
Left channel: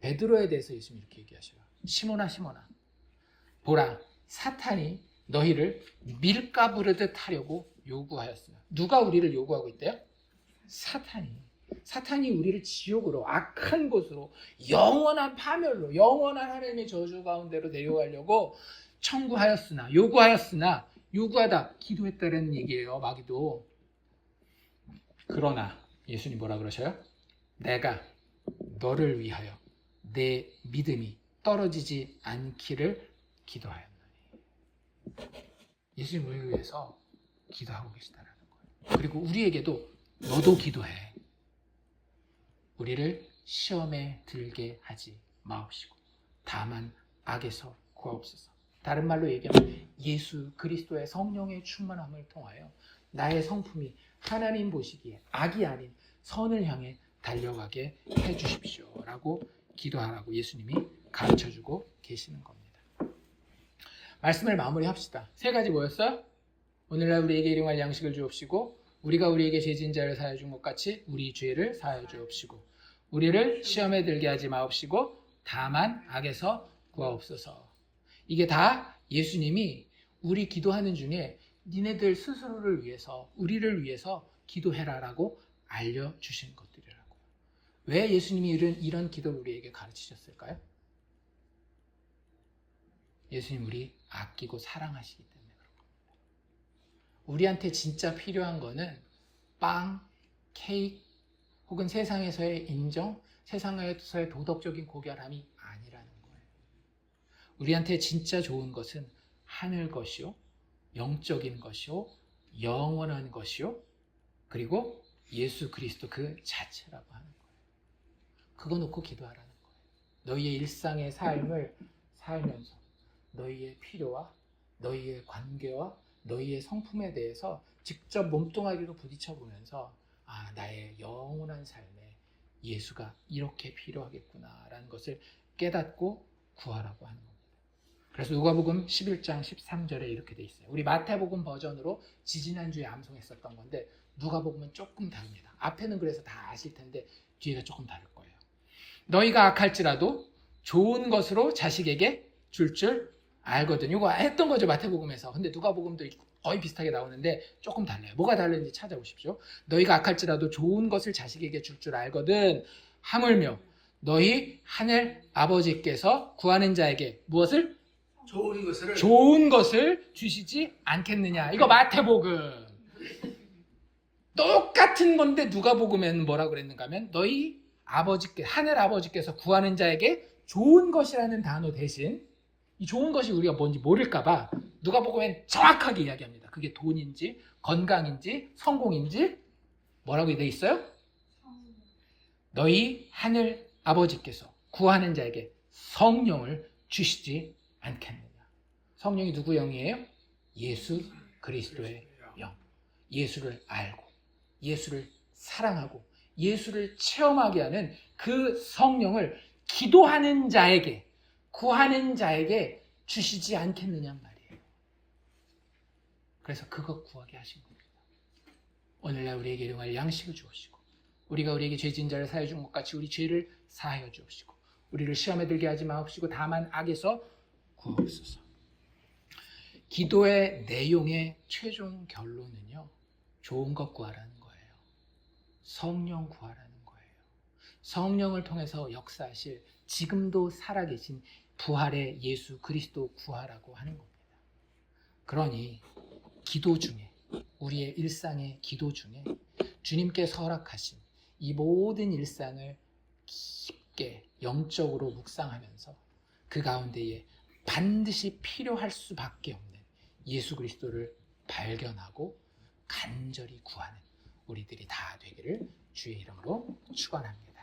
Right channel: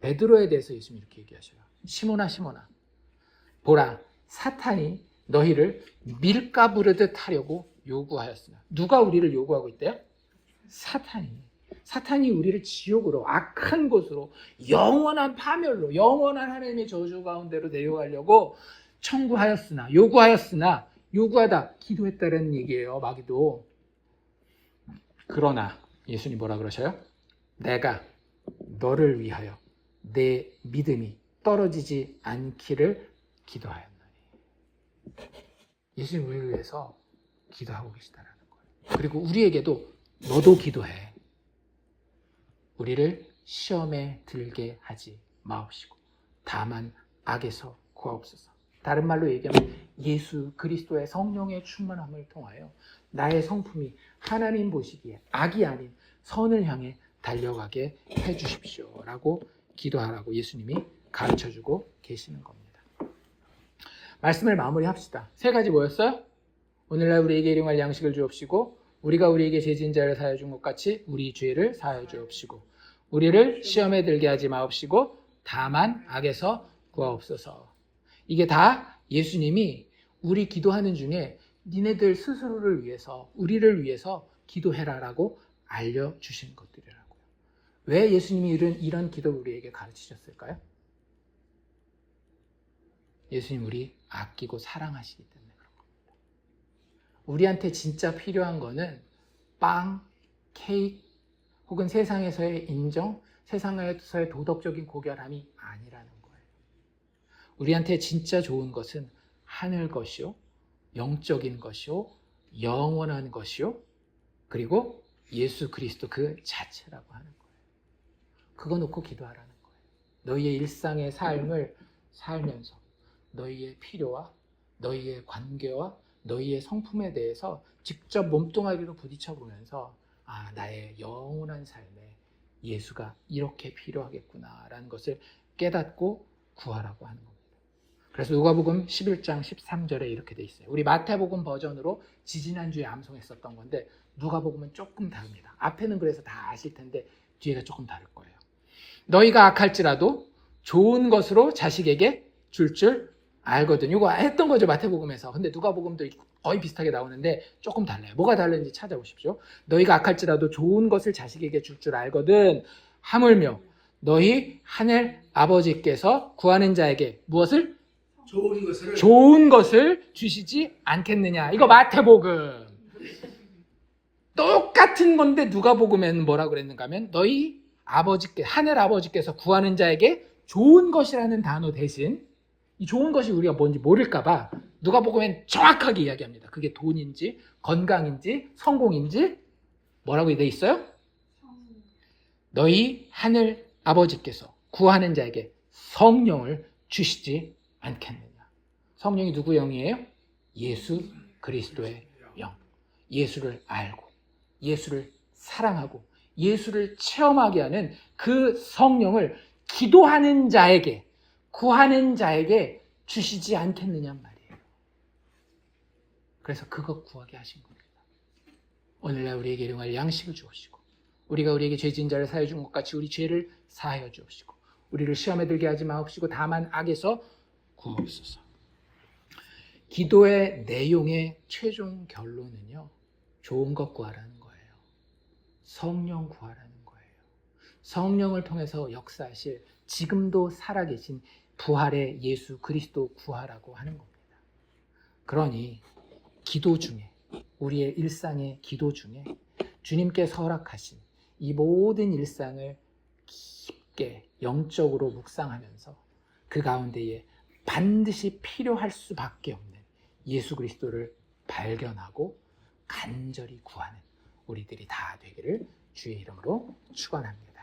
베드로에 대해서 예수님이 이렇게 얘기하셔요. 시몬아 시몬아, 보라, 사탄이 너희를 밀가부르듯 하려고 요구하였으나. 누가 우리를 요구하고 있대요? 사탄이 우리를 지옥으로, 악한 곳으로, 영원한 파멸로, 영원한 하나님의 저주 가운데로 내려가려고 요구하였으나, 요구하다, 기도했다는 얘기예요. 마귀도. 그러나 예수님 뭐라 그러셔요? 내가 너를 위하여 내 믿음이 떨어지지 않기를 기도하였노니. 예수님 우리를 위해서 기도하고 계시다라는 거예요. 그리고 우리에게도 너도 기도해. 우리를 시험에 들게 하지 마옵시고 다만 악에서 구하옵소서. 다른 말로 얘기하면 예수 그리스도의 성령의 충만함을 통하여 나의 성품이 하나님 보시기에 악이 아닌 선을 향해 달려가게 해주십시오 라고 기도하라고 예수님이 가르쳐주고 계시는 겁니다. 말씀을 마무리합시다. 세 가지 뭐였어요? 오늘날 우리에게 일용할 양식을 주옵시고 우리가 우리에게 죄진 자를 사하여 준 것 같이 우리 죄를 사하여 주옵시고 우리를 시험에 들게 하지 마옵시고 다만 악에서 구하옵소서. 이게 다 예수님이 우리 기도하는 중에 니네들 스스로를 위해서 우리를 위해서 기도해라라고 알려주신 것들이라고요. 왜 예수님이 이런 기도를 우리에게 가르치셨을까요? 예수님 우리 아끼고 사랑하시기 때문에 그런 겁니다. 우리한테 진짜 필요한 거는 빵, 케이크 혹은 세상에서의 인정, 세상에서의 도덕적인 고결함이 아니라는 거예요. 우리한테 진짜 좋은 것은 하늘 것이요, 영적인 것이요, 영원한 것이요, 그리고 예수 그리스도 그 자체라고 하는 거예요. 그거 놓고 기도하라는 거예요. 너희의 일상의 삶을 살면서 너희의 필요와 너희의 관계와 너희의 성품에 대해서 직접 몸뚱아리로 부딪혀 보면서 나의 영원한 삶에 예수가 이렇게 필요하겠구나라는 것을 깨닫고 구하라고 하는 겁니다. 그래서 누가복음 11장 13절에 이렇게 돼 있어요. 우리 마태복음 버전으로 지지난주에 암송했었던 건데 누가복음은 조금 다릅니다. 앞에는 그래서 다 아실 텐데 뒤에가 조금 다를 거예요. 너희가 악할지라도 좋은 것으로 자식에게 줄 알거든. 이거 했던 거죠, 마태복음에서. 근데 누가복음도 거의 비슷하게 나오는데 조금 달라요. 뭐가 다른지 찾아보십시오. 너희가 악할지라도 좋은 것을 자식에게 줄 알거든. 하물며 너희 하늘 아버지께서 구하는 자에게 무엇을? 좋은 것을 주시지 않겠느냐. 이거 마태복음. 똑같은 건데 누가복음에는 뭐라고 그랬는가 하면 너희 하늘 아버지께서 구하는 자에게 좋은 것이라는 단어 대신 이 좋은 것이 우리가 뭔지 모를까봐 누가복음엔 정확하게 이야기합니다. 그게 돈인지 건강인지 성공인지 뭐라고 돼 있어요? 너희 하늘 아버지께서 구하는 자에게 성령을 주시지 않겠느냐. 성령이 누구 영이에요? 예수 그리스도의 영. 예수를 알고 예수를 사랑하고 예수를 체험하게 하는 그 성령을 기도하는 자에게 구하는 자에게 주시지 않겠느냐 말이에요. 그래서 그거 구하게 하신 겁니다. 오늘날 우리에게 일용할 양식을 주옵시고 우리가 우리에게 죄진 자를 사하여 준 것 같이 우리 죄를 사하여 주옵시고 우리를 시험에 들게 하지 마옵시고 다만 악에서 구하옵소서. 기도의 내용의 최종 결론은요. 좋은 것 구하라는 거예요. 성령 구하라는 거예요. 성령을 통해서 역사하실 지금도 살아계신 부활의 예수 그리스도 구하라고 하는 겁니다. 그러니 기도 중에 우리의 일상의 기도 중에 주님께서 허락하신 이 모든 일상을 깊게 영적으로 묵상하면서 그 가운데에 반드시 필요할 수밖에 없는 예수 그리스도를 발견하고 간절히 구하는 우리들이 다 되기를 주의 이름으로 축원합니다.